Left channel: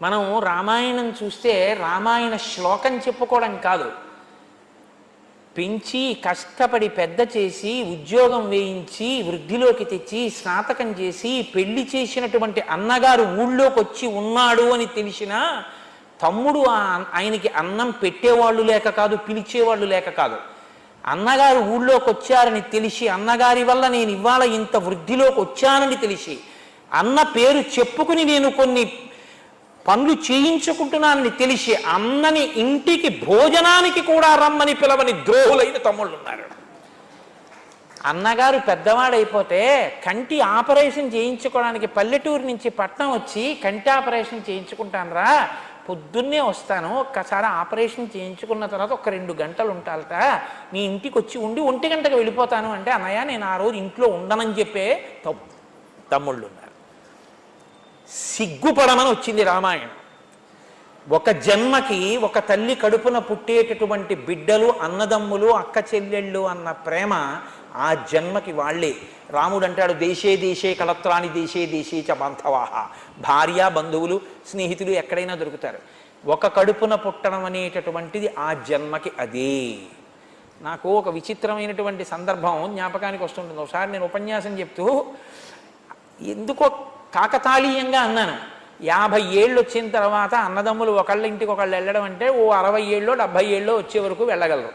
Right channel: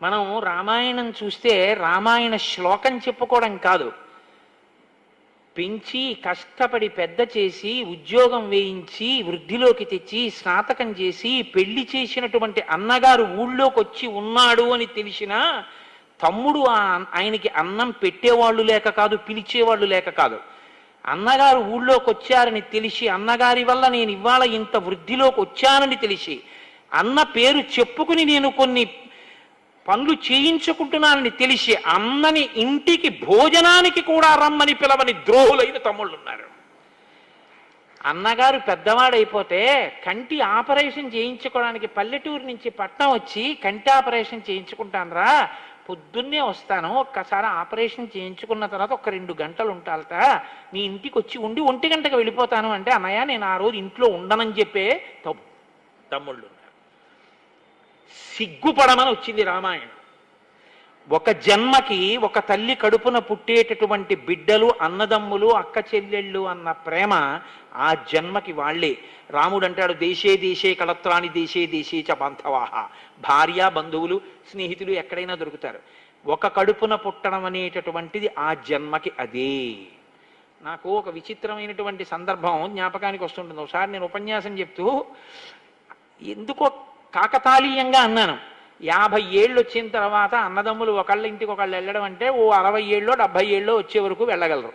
మనం రామాయణం చూస్తే రామాయణ శ్లోకం చెప్పుకోవడం కాదు, పెంచి కష్టపడి పెద్ద చేసి ఉద్యోగం వేయించి వృద్ధిలోకి తెచ్చి స్నాతకం చేసి పెళ్లి చేసినటువంటి అన్నగారు ఊళ్ళోకి వచ్చి ఉన్నాడు అని తెలిసినా తమ్ముడు ఆయనకి అన్నం పెట్టేవాళ్ళు లేక కాదు, పిలిచేవాళ్ళు లేక కాదు, అన్నగారు ఊళ్ళోకి వచ్చారని తెలిసి అన్నగారి వల్ల నేను ఇవాళ ఇంత వృద్ధిలోకి వచ్చానని తెలిసి అన్న పేరు చెప్పుకుని నేను కొన్ని పనులు చేయించుకుంటున్నానని తెలిసి అన్నని ఇంటికి భోజనానికి కూడా రమ్మని పిలవని ద్రోహులైన తమ్ముళ్ళు ఉన్నారు. అన్నగారు పెద్దవాడైపోతే కంటి ఆపరేషన్ చేయించుకోవడానికి పల్లెటూరు నుంచి పట్నం వచ్చి కంటి ఆపరేషన్ చేయించుకుంటానరా, పొద్దున్నే వస్తాను, ఒక్కసారి ఆపరేషన్ చేయించుకున్న తర్వాత ఒక 2 గంటలు ఉంటాలట, నీ ఇంటికి వచ్చి ఉండి 1 గంటకు వెళ్ళిపోతాను అంటే, అన్నయ్య నేను ఆ రోజు ఇంట్లో ఉండనని చెప్పే తమ్ముళ్ళు ఉన్నారు. సిగ్గుపడమని వచ్చింది రామాయణం. ఒక జన్మకి ఒక తల్లి కడుపున పుట్టేటటువంటి బిడ్డలు, అన్నదమ్ములు, అక్క చెల్లెళ్ళు అన్న ప్రేమ ఆ జన్మకి వాళ్ళే. రాముడు అంటాడు, దేశే దేశే కళత్రాణి దేశే దేశే చ బాంధవాహ. భార్య, బంధువులు, స్నేహితులు ఎక్కడైనా దొరుకుతారు. ఒక కడుపున పుట్టడం అనేటటువంటిది ఆ జన్మకి అదే. నాకు ఒక విచిత్రమైనటువంటి సందర్భం జ్ఞాపకానికి వస్తుంటుంది. ఒకసారి నేను ఉపన్యాసం చెప్తూ ఎందుకో కాకతాళీయంగా అన్నాను, 50 ఏళ్ళు వచ్చిన తర్వాత అన్నదమ్ములు ఒకళ్ళ ఇంటికి ఒకళ్ళు వెళ్ళడం అంటే ఓ 60 ఏళ్ళో 70 ఏళ్ళో వచ్చే వరకు వెళ్ళగలరు.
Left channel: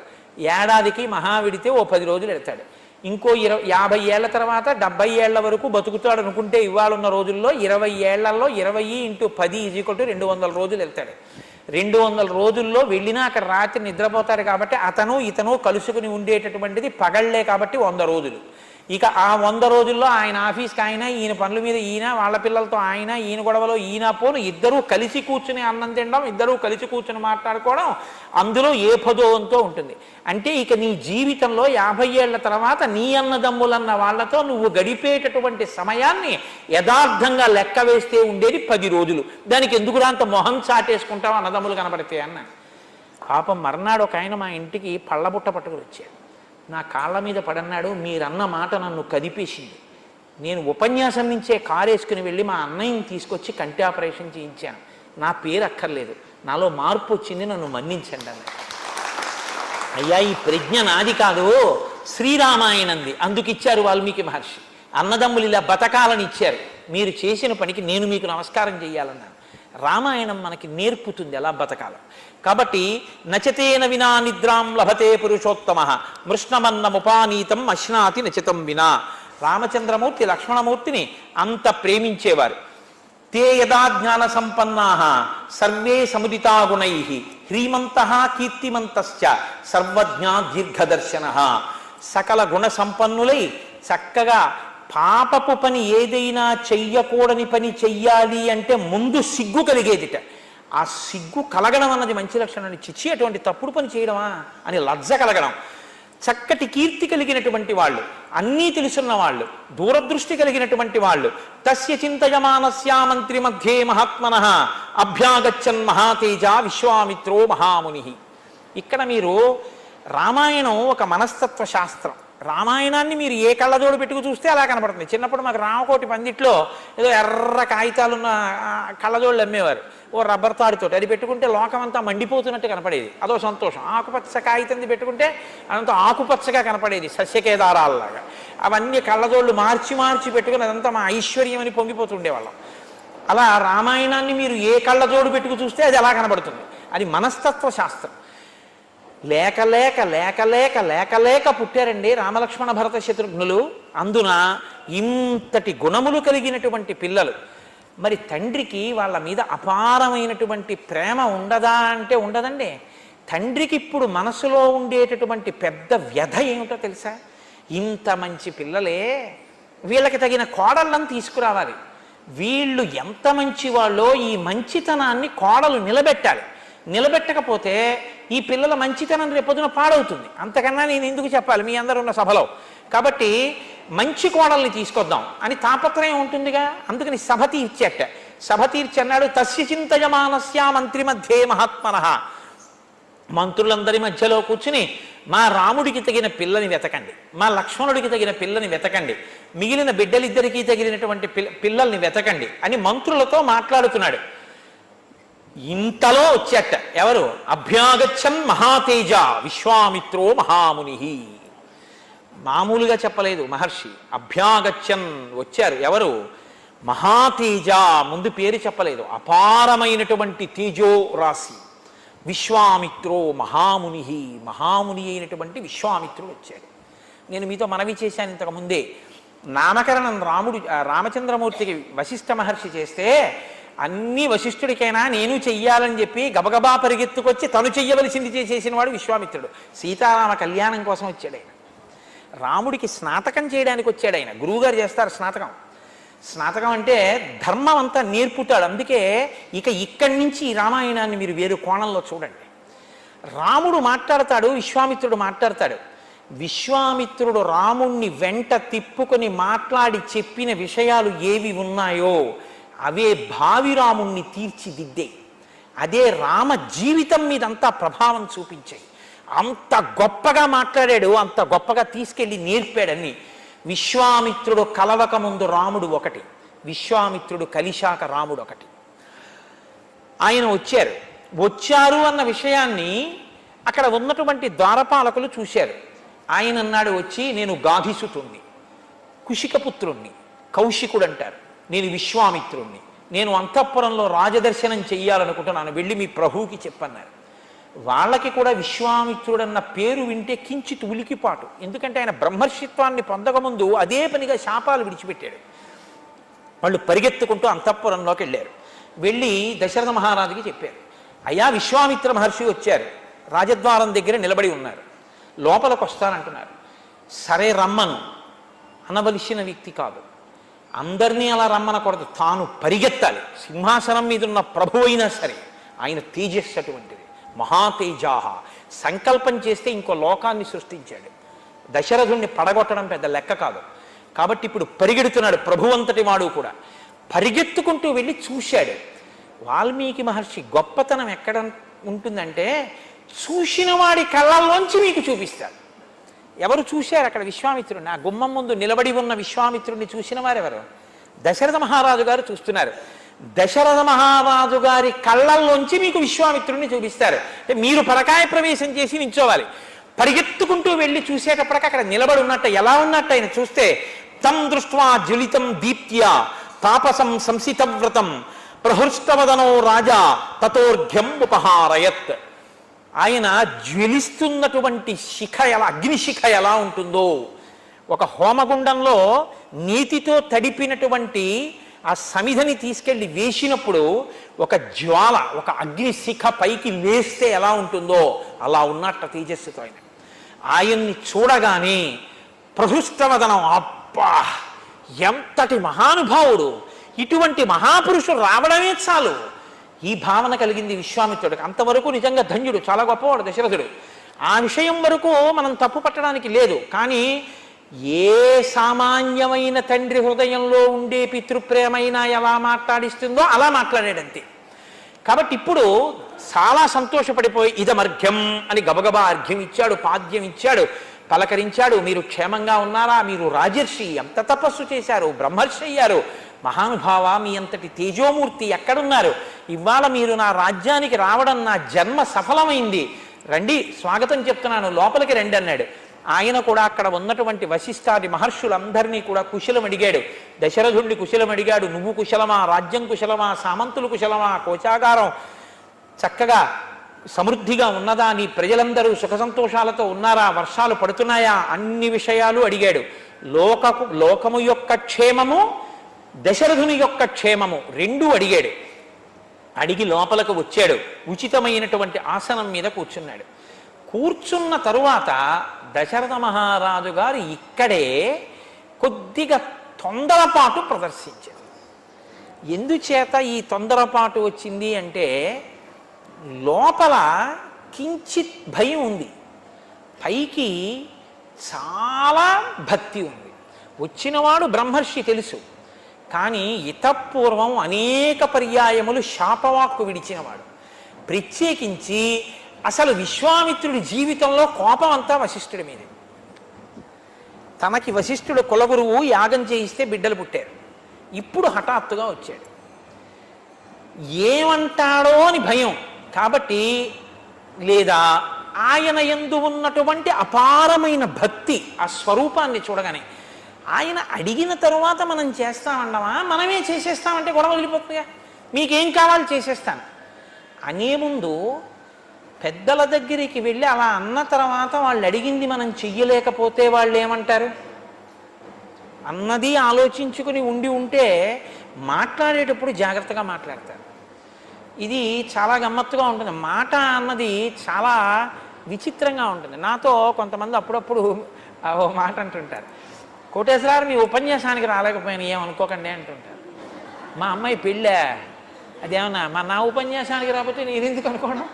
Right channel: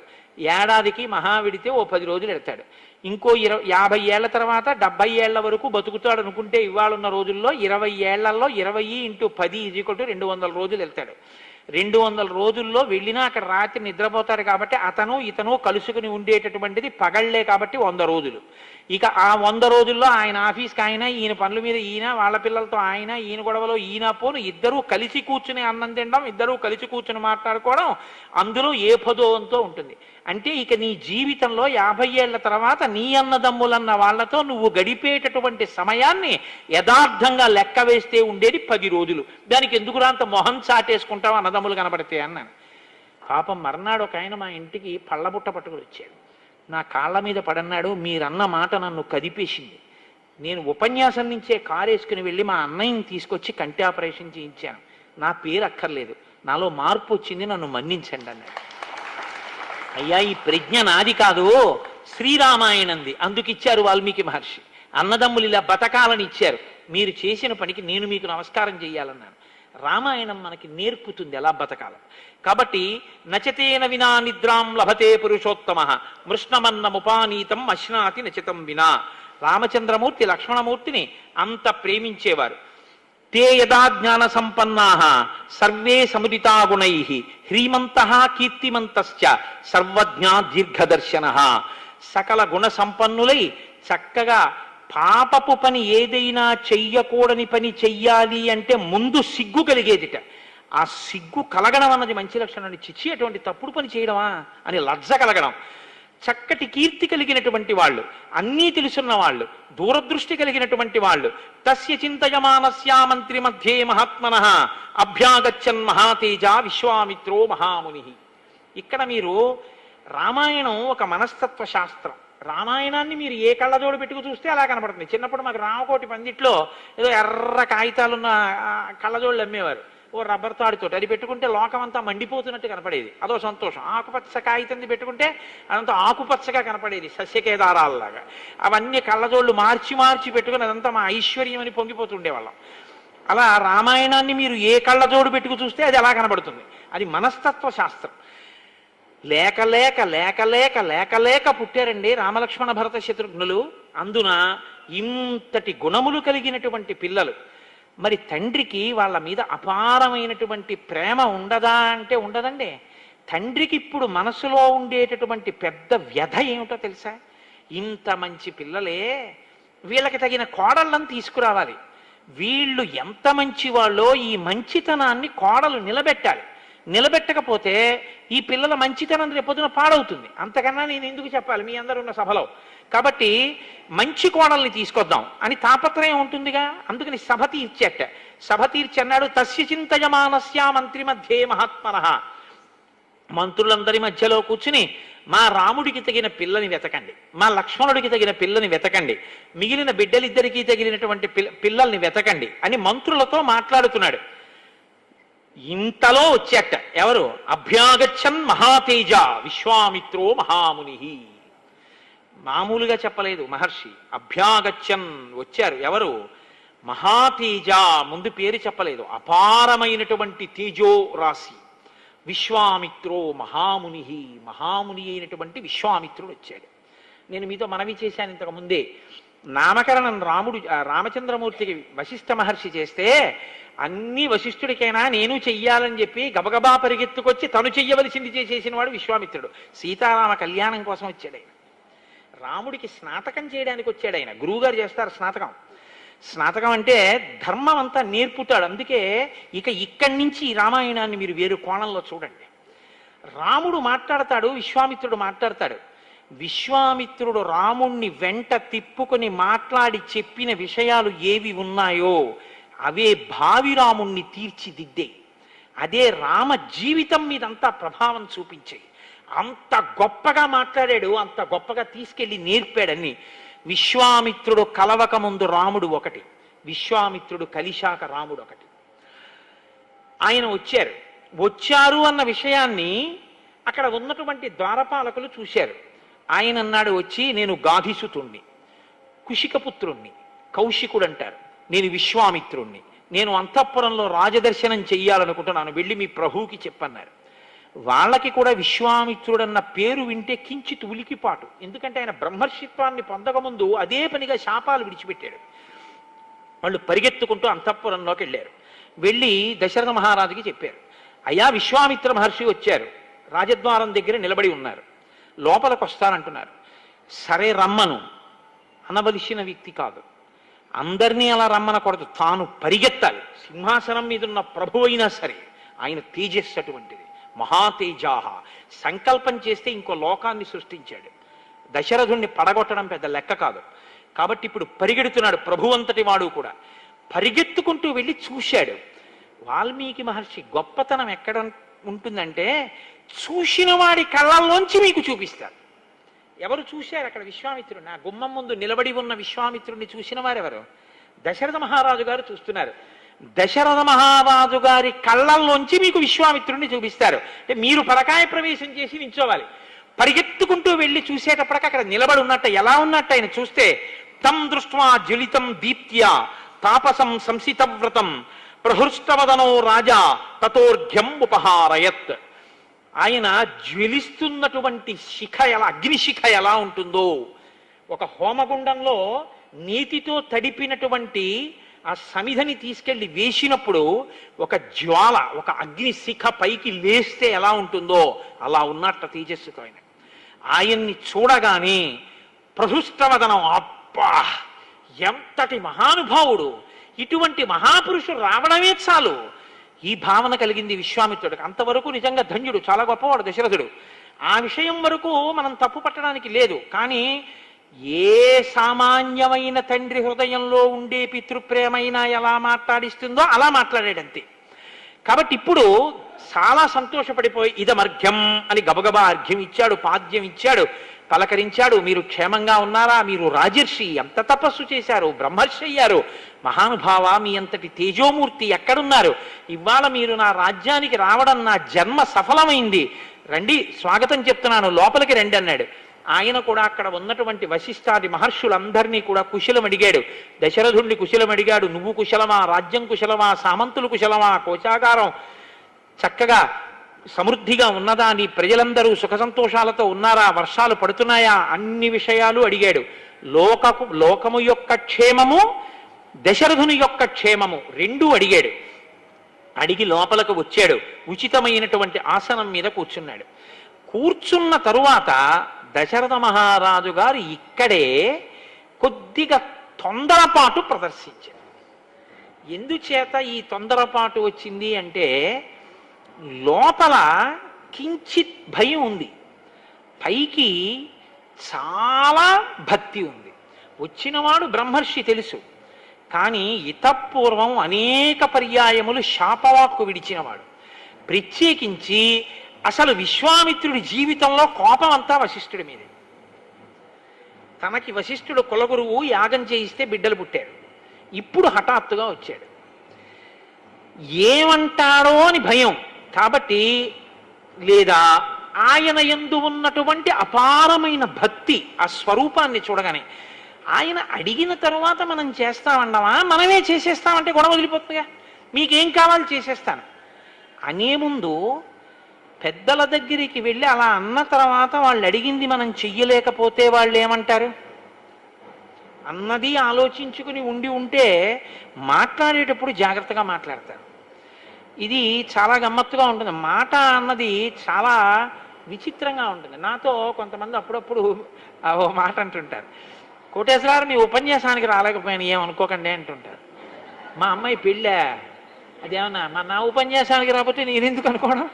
ఏడాదికి మహా విడితే ఓ 10 రోజులు వెళ్తాడు. ఇంకో 50 ఏళ్ల తర్వాత 70 ఏళ్ల వరకు బతుకుతాడు అనుకుంటే ఇవాళ ఉన్న రోజుల్లో 20 ఏళ్లలో 20 × 10 = 200 రోజులు వెళ్తాడు. 200 రోజుల్లో వెళ్ళినా అక్కడ రాత్రి నిద్రపోతారు కాబట్టి అతను ఇతను కలుసుకుని ఉండేటటువంటిది పగళ్లే కాబట్టి 100 రోజులు. ఇక ఆ 100 రోజుల్లో ఆయన ఆఫీస్కి ఆయన, ఈయన పనుల మీద ఈయన, వాళ్ళ పిల్లలతో ఆయన, ఈయన గొడవలో ఈయన పోను, ఇద్దరూ కలిసి కూర్చుని అన్నం తినడం, ఇద్దరూ కలిసి కూర్చుని మాట్లాడుకోవడం, అందులో ఏ పదోవంతో ఉంటుంది. అంటే ఇక నీ జీవితంలో 50 ఏళ్ల తర్వాత నీ అన్నదమ్ములన్న వాళ్ళతో నువ్వు గడిపేటటువంటి సమయాన్ని యథార్థంగా లెక్క వేస్తే ఉండేది 10 రోజులు. దానికి ఎందుకు అంత మొహం చాటేసుకుంటావు అన్నదమ్ములు కనపడితే అన్నాను. పాపం మర్నాడు ఒక ఆయన మా ఇంటికి పళ్ళబుట్ట పట్టుకుని వచ్చాడు. నా కాళ్ళ మీద పడన్నాడు, మీరన్న మాట నన్ను కదిపేసింది. నేను ఉపన్యాసం నుంచే కారు వేసుకుని వెళ్ళి మా అన్నయ్యని తీసుకొచ్చి కంటి ఆపరేషన్ చేయించాను. నా పేరు అక్కర్లేదు, నాలో మార్పు వచ్చింది, నన్ను మన్నించండి అన్నాడు. అయ్యా, ఈ ప్రజ్ఞ నాది కాదు, శ్రీరామాయణంది, అందుకిచ్చారు వాల్మీకి మహర్షి. అన్నదమ్ములు ఇలా బతకాలని ఇచ్చారు, మీరు చేసిన పనికి నేను మీకు నమస్కారం చెయ్యాలన్నాను. రామాయణం మనకి నేర్పుతుంది ఎలా బతకాల. కాబట్టి నచతేన వినా నిద్రాం లభతే పురుషోత్తమ మృష్ణమన్నముపానీతం అశ్నాతి నచితం వినా. రామచంద్రమూర్తి లక్ష్మణమూర్తిని అంత ప్రేమించేవారు. తే యదా జ్ఞాన సంపన్నా సర్వే సముదితా గుణై హ్రీమంత కీర్తిమంతశ్చ సర్వజ్ఞా దీర్ఘదర్శన. సకల గుణ సంపన్నులై చక్కగా పాపపు పని ఏదైనా చెయ్యకూడని పని చెయ్యాలి అంటే ముందు సిగ్గు కలిగేదిట. ఆ సిగ్గు కలగడం అన్నది మంచి లక్షణాన్ని, చిచ్చి అటువంటి తప్పుడు పని చేయడమా అని లజ్జ కలగడం. చక్కటి కీర్తి కలిగినటువంటి వాళ్ళు, అన్నీ తెలుసున్న వాళ్ళు, దూరదృష్టి కలిగినటువంటి వాళ్ళు. తస్య చింతయమానస్యా మంత్రి మధ్యే మహాత్మనః అభ్యాగచ్చన్ మహాతేజ విశ్వామిత్రో మహాముని. ఇక్కడ మీరు రామాయణం ఒక మనస్తత్వ శాస్త్రం. రామాయణాన్ని మీరు ఏ కళ్ళజోడు పెట్టుకు చూస్తే అలా కనపడుతుంది. చిన్నప్పుడు మాకు రామకోటి పందిట్లో ఏదో ఎర్ర కాగితాలున్న కళ్ళజోళ్ళు అమ్మేవారు, ఓ రబ్బర్ తాడుతో. అది పెట్టుకుంటే లోకం అంతా మండిపోతున్నట్టు కనపడేది, అదో సంతోషం. ఆకుపచ్చ కాగితం పెట్టుకుంటే అదంతా ఆకుపచ్చగా కనపడేది, సస్యకేదారాలలాగా. అవన్నీ కళ్ళజోళ్ళు మార్చి మార్చి పెట్టుకుని అదంతా మా ఐశ్వర్యం అని పొంగిపోతుండేవాళ్ళం. అలా రామాయణాన్ని మీరు ఏ కళ్ళజోడు పెట్టుకు చూస్తే అది అలా కనబడుతుంది. అది మనస్తత్వ శాస్త్రం. లేక లేక లేక లేక లేక లేక పుట్టారండి రామలక్ష్మణ భరత శత్రుఘ్నులు. అందున ఇంతటి గుణములు కలిగినటువంటి పిల్లలు. మరి తండ్రికి వాళ్ళ మీద అపారమైనటువంటి ప్రేమ ఉండదా అంటే ఉండదండి. తండ్రికి ఇప్పుడు మనసులో ఉండేటటువంటి పెద్ద వ్యధ ఏమిటో తెలుసా? ఇంత మంచి పిల్లలే, వీళ్ళకి తగిన కోడళ్ళను తీసుకురావాలి. వీళ్ళు ఎంత మంచి వాళ్ళో ఈ మంచితనాన్ని కోడలు నిలబెట్టాలి. నిలబెట్టకపోతే ఈ పిల్లల మంచితనం రేపొద్దున పాడవుతుంది. అంతకన్నా నేను ఎందుకు చెప్పాలి మీ అందరూ ఉన్న సభలో? కాబట్టి మంచి కోడల్ని తీసుకొద్దాం అని తాపత్రయం ఉంటుందిగా. అందుకని సభ తీర్చేట. సభ తీర్చి అన్నాడు, తస్య చింతయమానస్యా మంత్రి మధ్యే మహాత్మనః. మంత్రులందరి మధ్యలో కూర్చుని మా రాముడికి తగిన పిల్లని వెతకండి, మా లక్ష్మణుడికి తగిన పిల్లని వెతకండి, మిగిలిన బిడ్డలిద్దరికీ తగిలినటువంటి పిల్లల్ని వెతకండి అని మంత్రులతో మాట్లాడుతున్నాడు. ఇంతలో వచ్చేట ఎవరు? అభ్యాగచ్చన్ మహాతేజ విశ్వామిత్రో మహాముని. మామూలుగా చెప్పలేదు మహర్షి, అభ్యాగచ్చన్ వచ్చారు. ఎవరు? మహాతేజ, ముందు పేరు చెప్పలేదు, అపారమైనటువంటి తేజో రాశి విశ్వామిత్రో మహాముని. మహాముని అయినటువంటి విశ్వామిత్రుడు వచ్చాడు. నేను మీతో మనవి చేశాను ఇంతకుముందే, నామకరణం రామచంద్రమూర్తికి వశిష్ఠ మహర్షి చేస్తే అన్ని వశిష్ఠుడికైనా నేను చెయ్యాలని చెప్పి గబగబా పరిగెత్తుకొచ్చి తను చెయ్యవలసింది చేసేసిన వాడు విశ్వామిత్రుడు. సీతారామ కళ్యాణం కోసం వచ్చాడు ఆయన. రాముడికి స్నాతకం చేయడానికి వచ్చాడు ఆయన. గురువుగారు చేస్తారు స్నాతకం. స్నాతకం అంటే ధర్మం అంతా నేర్పుతాడు. అందుకే ఇక్కడి నుంచి ఈ రామాయణాన్ని మీరు వేరు కోణంలో చూడండి. రాముడు మాట్లాడతాడు, విశ్వామిత్రుడు మాట్లాడతాడు. విశ్వామిత్రుడు రాముణ్ణి వెంట తిప్పుకొని మాట్లాడి చెప్పిన విషయాలు ఏవి ఉన్నాయో అవే భావి రాముణ్ణి తీర్చిదిద్దే, అదే రామ జీవితం మీద అంతా ప్రభావం చూపించాయి. అంత గొప్పగా మాట్లాడాడు, అంత గొప్పగా తీసుకెళ్ళి నేర్పాడని. విశ్వామిత్రుడు కలవక ముందు రాముడు ఒకటి, విశ్వామిత్రుడు కలిశాక రాముడు ఒకటి. ఆయన వచ్చారు అన్న విషయాన్ని అక్కడ ఉన్నటువంటి ద్వారపాలకులు చూశారు. ఆయన అన్నాడు వచ్చి, నేను గాధిసుతుణ్ణి, కుశికపుత్రుణ్ణి, కౌశికుడు అంటారు, నేను విశ్వామిత్రుణ్ణి, నేను అంతఃపురంలో రాజదర్శనం చెయ్యాలనుకుంటున్నాను, వెళ్ళి మీ ప్రభువుకి చెప్పన్నారు. వాళ్ళకి కూడా విశ్వామిత్రుడన్న పేరు వింటే కించిత్ ఉలికిపాటు. ఎందుకంటే ఆయన బ్రహ్మర్షిత్వాన్ని పొందకముందు అదే పనిగా శాపాలు విడిచిపెట్టాడు. వాళ్ళు పరిగెత్తుకుంటూ అంతఃపురంలోకి వెళ్ళారు. వెళ్ళి దశరథ మహారాజుకి చెప్పారు, అయ్యా విశ్వామిత్ర మహర్షి వచ్చారు, రాజద్వారం దగ్గర నిలబడి ఉన్నారు, లోపలికి వస్తానంటున్నారు. సరే రమ్మను అనవలసిన వ్యక్తి కాదు, అందరినీ అలా రమ్మనకూడదు, తాను పరిగెత్తాలి. సింహాసనం మీద ఉన్న ప్రభు అయినా సరే ఆయన తేజస్సు అటువంటిది, మహాతేజాహ. సంకల్పం చేస్తే ఇంకో లోకాన్ని సృష్టించాడు. దశరథుణ్ణి పడగొట్టడం పెద్ద లెక్క కాదు. కాబట్టి ఇప్పుడు పరిగెడుతున్నాడు, ప్రభు అంతటి వాడు కూడా. పరిగెత్తుకుంటూ వెళ్ళి చూశాడు. వాల్మీకి మహర్షి గొప్పతనం ఎక్కడ ఉంటుందంటే చూసిన వాడి కళ్ళల్లోంచి మీకు చూపిస్తారు. ఎవరు చూశారు అక్కడ విశ్వామిత్రుడిని? ఆ గుమ్మం ముందు నిలబడి ఉన్న విశ్వామిత్రుడిని చూసిన వారెవరు? దశరథ మహారాజు గారు చూస్తున్నారు. దశరథ మహారాజు గారి కళ్ళల్లోంచి మీకు విశ్వామిత్రుడిని చూపిస్తారు. మీరు పరకాయ ప్రవేశం చేసి నిల్చోవాలి. పరిగెత్తుకుంటూ వెళ్ళి చూసేటప్పటికి అక్కడ నిలబడి ఉన్నట్టు, ఎలా ఉన్నట్టు ఆయన చూస్తే, తం దృష్ట్వా జ్వలితం దీప్త్య తాపసం సంసితవ్రతం ప్రహృష్టవదనో రాజా తతోర్ఘ్యం ఉపహారయత్. ఆయన జ్వలిస్తున్నటువంటి శిఖ ఎలా, అగ్నిశిఖ ఎలా ఉంటుందో, ఒక హోమగుండంలో నీతితో తడిపినటువంటి ఆ సమిధని తీసుకెళ్లి వేసినప్పుడు ఒక జ్వాల, ఒక అగ్నిశిఖ పైకి లేస్తే ఎలా ఉంటుందో అలా ఉన్నట్ట తేజస్సుతో ఆయన్ని చూడగానే ప్రహృష్టవదనం, అబ్బా ఎంతటి మహానుభావుడు, ఇటువంటి మహాపురుషుడు రావడమే చాలు, ఈ భావన కలిగింది విశ్వామిత్రుడికి. అంతవరకు నిజంగా ధన్యుడు, చాలా గొప్పవాడు దశరథుడు. ఆ విషయం వరకు మనం తప్పు పట్టడానికి లేదు. కానీ ఏ సామాన్యమైన తండ్రి హృదయంలో ఉండే పితృప్రేమైనా ఎలా మాట్లాడిస్తుందో అలా మాట్లాడాడంతే. కాబట్టి ఇప్పుడు చాలా సంతోషపడిపోయి ఇదమర్ఘ్యం అని గబగబా అర్ఘ్యం ఇచ్చాడు, పాద్యం ఇచ్చాడు, పలకరించాడు. మీరు క్షేమంగా ఉన్నారా? మీరు రాజర్షి, ఎంత తపస్సు చేశారు, బ్రహ్మర్షి అయ్యారు, మహానుభావ, మీ అంతటి తేజోమూర్తి ఎక్కడున్నారు? ఇవాళ మీరు నా రాజ్యానికి రావడం నా జన్మ సఫలమైంది, రండి స్వాగతం చెప్తున్నాను, లోపలికి రండి అన్నాడు. ఆయన కూడా అక్కడ ఉన్నటువంటి వశిష్ఠాది మహర్షులందరినీ కూడా కుశలం అడిగాడు. దశరథుడిని కుశలం అడిగాడు, నువ్వు కుశలమా, రాజ్యం కుశలమా, సామంతులు కుశలమా, కోశాగారం చక్కగా సమృద్ధిగా ఉన్నదా, నీ ప్రజలందరూ సుఖ సంతోషాలతో ఉన్నారా, వర్షాలు పడుతున్నాయా, అన్ని విషయాలు అడిగాడు. లోకము యొక్క క్షేమము, దశరథుని యొక్క క్షేమము రెండూ అడిగాడు. అడిగి లోపలకు వచ్చాడు. ఉచితమైనటువంటి ఆసనం మీద కూర్చున్నాడు. కూర్చున్న తరువాత దశరథ మహారాజు గారు ఇక్కడే కొద్దిగా తొందరపాటు ప్రదర్శించారు. ఎందుచేత ఈ తొందరపాటు వచ్చింది అంటే, లోపల కించిత్ భయం ఉంది, పైకి చాలా భక్తి ఉంది. వచ్చినవాడు బ్రహ్మర్షి తెలుసు, కానీ ఇతపూర్వం అనేక పర్యాయములు శాపవాక్కు విడిచినవాడు. ప్రత్యేకించి అసలు విశ్వామిత్రుడి జీవితంలో కోపం అంతా వశిష్ఠుడి మీదే. తనకి వశిష్ఠుడు కులగురువు, యాగం చేయిస్తే బిడ్డలు పుట్టారు. ఇప్పుడు హఠాత్తుగా వచ్చాడు. ఏమంటాడో అని భయం. కాబట్టి లేదా ఆయన యందు ఉన్నటువంటి అపారమైన భక్తి, ఆ స్వరూపాన్ని చూడగానే ఆయన అడిగిన తరువాత మనం చేస్తామన్నామా, మనమే చేసేస్తామంటే గొడవ వదిలిపోతుందిగా. మీకేం కావాలి చేసేస్తాను అనే ముందు పెద్దల దగ్గరికి వెళ్ళి అలా అన్న తర్వాత వాళ్ళు అడిగింది మనం చెయ్యలేకపోతే వాళ్ళు ఏమంటారు అన్నది ఆలోచించుకుని ఉంటే మాట్లాడేటప్పుడు జాగ్రత్తగా మాట్లాడతారు. ఇది చాలా గమ్మత్తుగా ఉంటుంది. మాట అన్నది చాలా విచిత్రంగా ఉంటుంది. నాతో కొంతమంది అప్పుడప్పుడు ఓ మాట అంటుంటారు, కోటేశ్వరరావు మీ ఉపన్యాసానికి రాలేకపోయాను ఏమనుకోకండి అంటుంటారు. మా అమ్మాయి పెళ్ళా, అదేమన్నా నా ఉపన్యాసానికి రాకపోతే నేనెందుకు అనుకోను,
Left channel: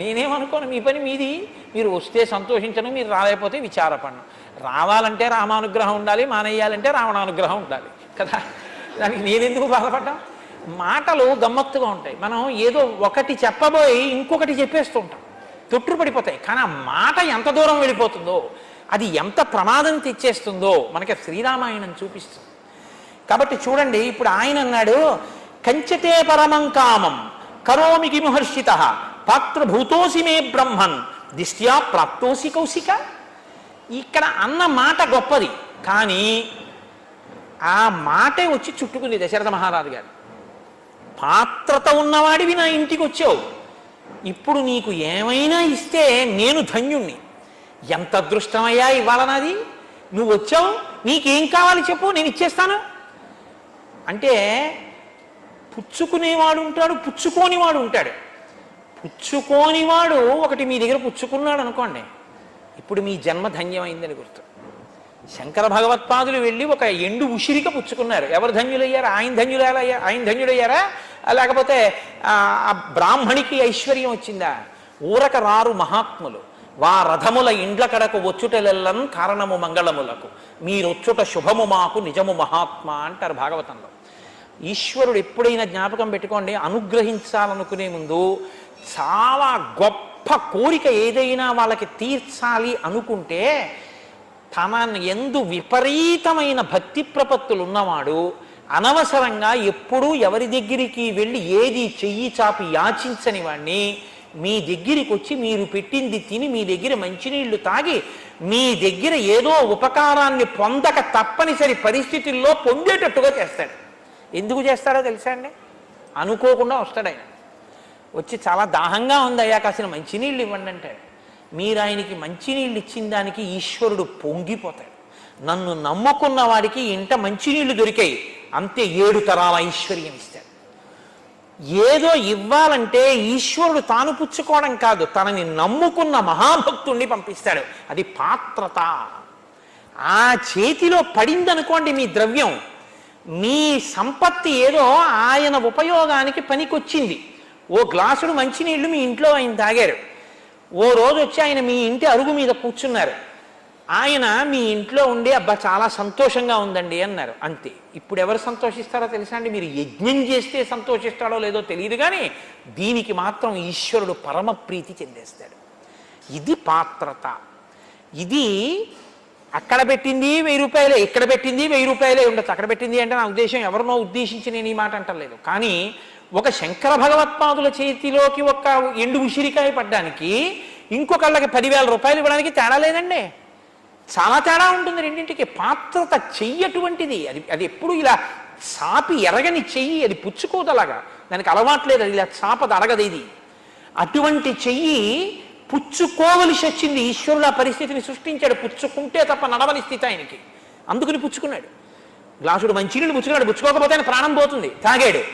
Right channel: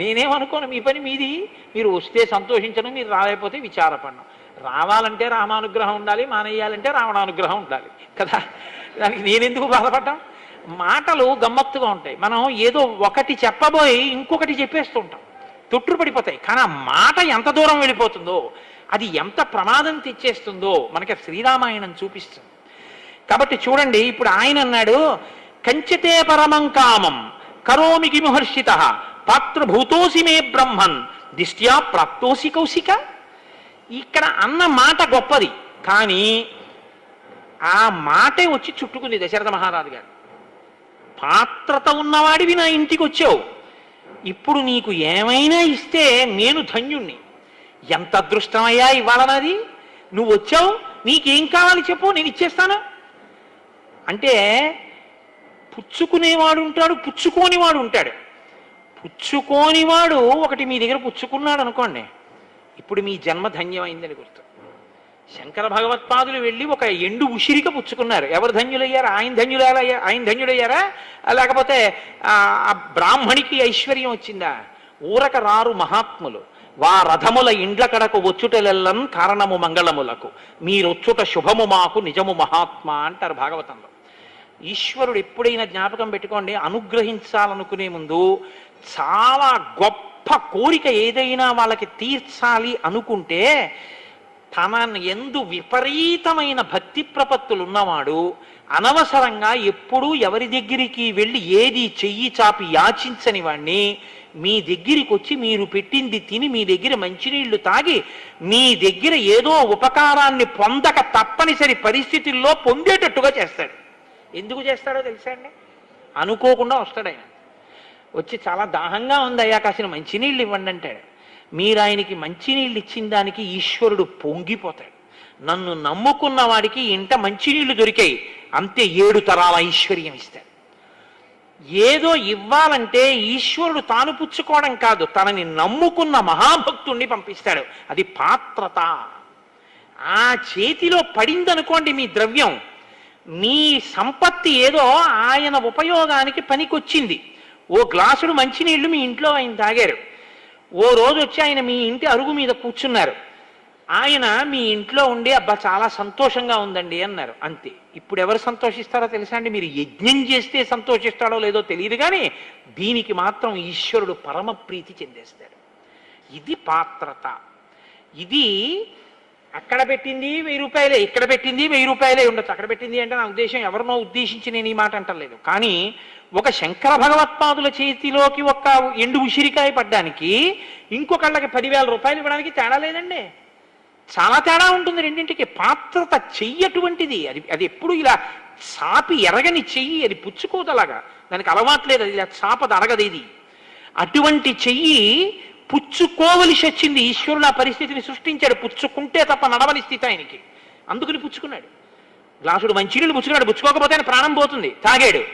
నేనేమనుకోను, మీ పని మీది, మీరు వస్తే సంతోషించను, మీరు రాలేకపోతే విచారపడను. రావాలంటే రామానుగ్రహం ఉండాలి, మానేయాలంటే రావణానుగ్రహం ఉండాలి కదా, దానికి నేనెందుకు బాధపడ్డాం. మాటలు గమ్మత్తుగా ఉంటాయి. మనం ఏదో ఒకటి చెప్పబోయి ఇంకొకటి చెప్పేస్తూ ఉంటాం, తొట్టుపడిపోతాయి. కానీ ఆ మాట ఎంత దూరం వెళ్ళిపోతుందో, అది ఎంత ప్రమాదం తెచ్చేస్తుందో మనకి శ్రీరామాయణం చూపిస్తుంది. కాబట్టి చూడండి, ఇప్పుడు ఆయన అన్నాడు, కంచతే పరమం కామం కరోమి కిముహర్షిత పాత్రభూతోసి మే బ్రహ్మన్ దిష్ట్యా ప్రాప్తోసి కౌశిక. ఇక్కడ అన్న మాట గొప్పది, కానీ ఆ మాటే వచ్చి చుట్టుకుంది దశరథ మహారాజు గారు. పాత్రత ఉన్నవాడివి నా ఇంటికి వచ్చావు, ఇప్పుడు నీకు ఏమైనా ఇస్తే నేను ధన్యుణ్ణి. ఎంత అదృష్టమయ్యా ఇవాళ నాది, నువ్వు వచ్చావు, నీకేం కావాలి చెప్పు నేను ఇచ్చేస్తాను అంటే. పుచ్చుకునేవాడు ఉంటాడు, పుచ్చుకోనివాడు ఉంటాడు. పుచ్చుకోనివాడు ఒకటి మీ దగ్గర పుచ్చుకున్నాడు అనుకోండి, ఇప్పుడు మీ జన్మ ధన్యమైందని గుర్తు. శంకర భగవత్పాదులు వెళ్ళి ఒక ఎండు ఉసిరిక పుచ్చుకున్నారు. ఎవరు ధన్యులయ్యారు? ఆయన ధన్యుడయ్యారా, లేకపోతే ఆ బ్రాహ్మణికి ఐశ్వర్యం వచ్చిందా? ఊరక రారు మహాత్ములు వా రథముల ఇండ్ల కడకు వచ్చుటలెల్లం కారణము మంగళములకు మీరొచ్చుట శుభము మాకు నిజము మహాత్మ అంటారు భాగవతంలో. ఈశ్వరుడు ఎప్పుడైనా జ్ఞాపకం పెట్టుకోండి, అనుగ్రహించాలనుకునే ముందు చాలా గొప్ప కోరిక ఏదైనా వాళ్ళకి తీర్చాలి అనుకుంటే తన ఎందు విపరీతమైన భక్తి ప్రపత్తులు ఉన్నవాడు అనవసరంగా ఎప్పుడూ ఎవరి దగ్గరికి వెళ్ళి ఏది చెయ్యి చాపి యాచించని వాణ్ణి మీ దగ్గరికి వచ్చి మీరు పెట్టింది తిని మీ దగ్గర మంచినీళ్లు తాగి మీ దగ్గర ఏదో ఉపకారాన్ని పొందక తప్పనిసరి పరిస్థితుల్లో పొందేటట్టుగా చేస్తాడు. ఎందుకు చేస్తాడో తెలుసా అండి? అనుకోకుండా వస్తాడు ఆయన. వచ్చి చాలా దాహంగా ఉందయ్యా కాసిన మంచినీళ్ళు ఇవ్వండి అంటాడు. మీరు ఆయనకి మంచినీళ్ళు ఇచ్చిన దానికి ఈశ్వరుడు పొంగిపోతాడు. నన్ను నమ్ముకున్న వాడికి ఇంట మంచినీళ్లు దొరికాయి అంతే 7 తరాల ఐశ్వర్యం ఇస్తాడు. ఏదో ఇవ్వాలంటే ఈశ్వరుడు తాను పుచ్చుకోవడం కాదు, తనని నమ్ముకున్న మహాభక్తుణ్ణి పంపిస్తాడు. అది పాత్రత. ఆ చేతిలో పడిందనుకోండి మీ ద్రవ్యం, మీ సంపత్తి ఏదో ఆయన ఉపయోగానికి పనికొచ్చింది. ఓ గ్లాసుడు మంచినీళ్లు మీ ఇంట్లో ఆయన తాగారు. ఓ రోజు వచ్చి ఆయన మీ ఇంటి అరుగు మీద కూర్చున్నారు. ఆయన మీ ఇంట్లో ఉండి అబ్బా చాలా సంతోషంగా ఉందండి అన్నారు. అంతే. ఇప్పుడు ఎవరు సంతోషిస్తారో తెలుసా అండి? మీరు యజ్ఞం చేస్తే సంతోషిస్తాడో లేదో తెలియదు, కానీ దీనికి మాత్రం ఈశ్వరుడు పరమ ప్రీతి చెందేస్తాడు. ఇది పాత్రత. ఇది అక్కడ పెట్టింది 1000 రూపాయలే, ఇక్కడ పెట్టింది 1000 రూపాయలే ఉండొచ్చు. అక్కడ పెట్టింది అంటే నా ఉద్దేశం ఎవరినో ఉద్దేశించి నేను ఈ మాట అంటలేదు. కానీ ఒక శంకర భగవత్పాదుల చేతిలోకి ఒక ఎండు ఉసిరికాయ పడ్డానికి ఇంకొకళ్ళకి 10,000 రూపాయలు ఇవ్వడానికి తేడా లేదండి. చాలా తేడా ఉంటుంది రెండింటికి. పాత్రత చెయ్యటువంటిది. అది ఎప్పుడు ఇలా సాపి ఎరగని చెయ్యి, అది పుచ్చుకోదలాగా, దానికి అలవాట్లేదు, అది ఇలా సాపది అరగదు. ఇది అటువంటి చెయ్యి పుచ్చుకోవలసి వచ్చింది. ఈశ్వరుడు ఆ పరిస్థితిని సృష్టించాడు. పుచ్చుకుంటే తప్ప నడవని స్థితి ఆయనకి, అందుకుని పుచ్చుకున్నాడు. గ్లాసుడు మంచినీళ్ళు పుచ్చుకున్నాడు, పుచ్చుకోకపోతే ఆయన ప్రాణం పోతుంది. తాగాడు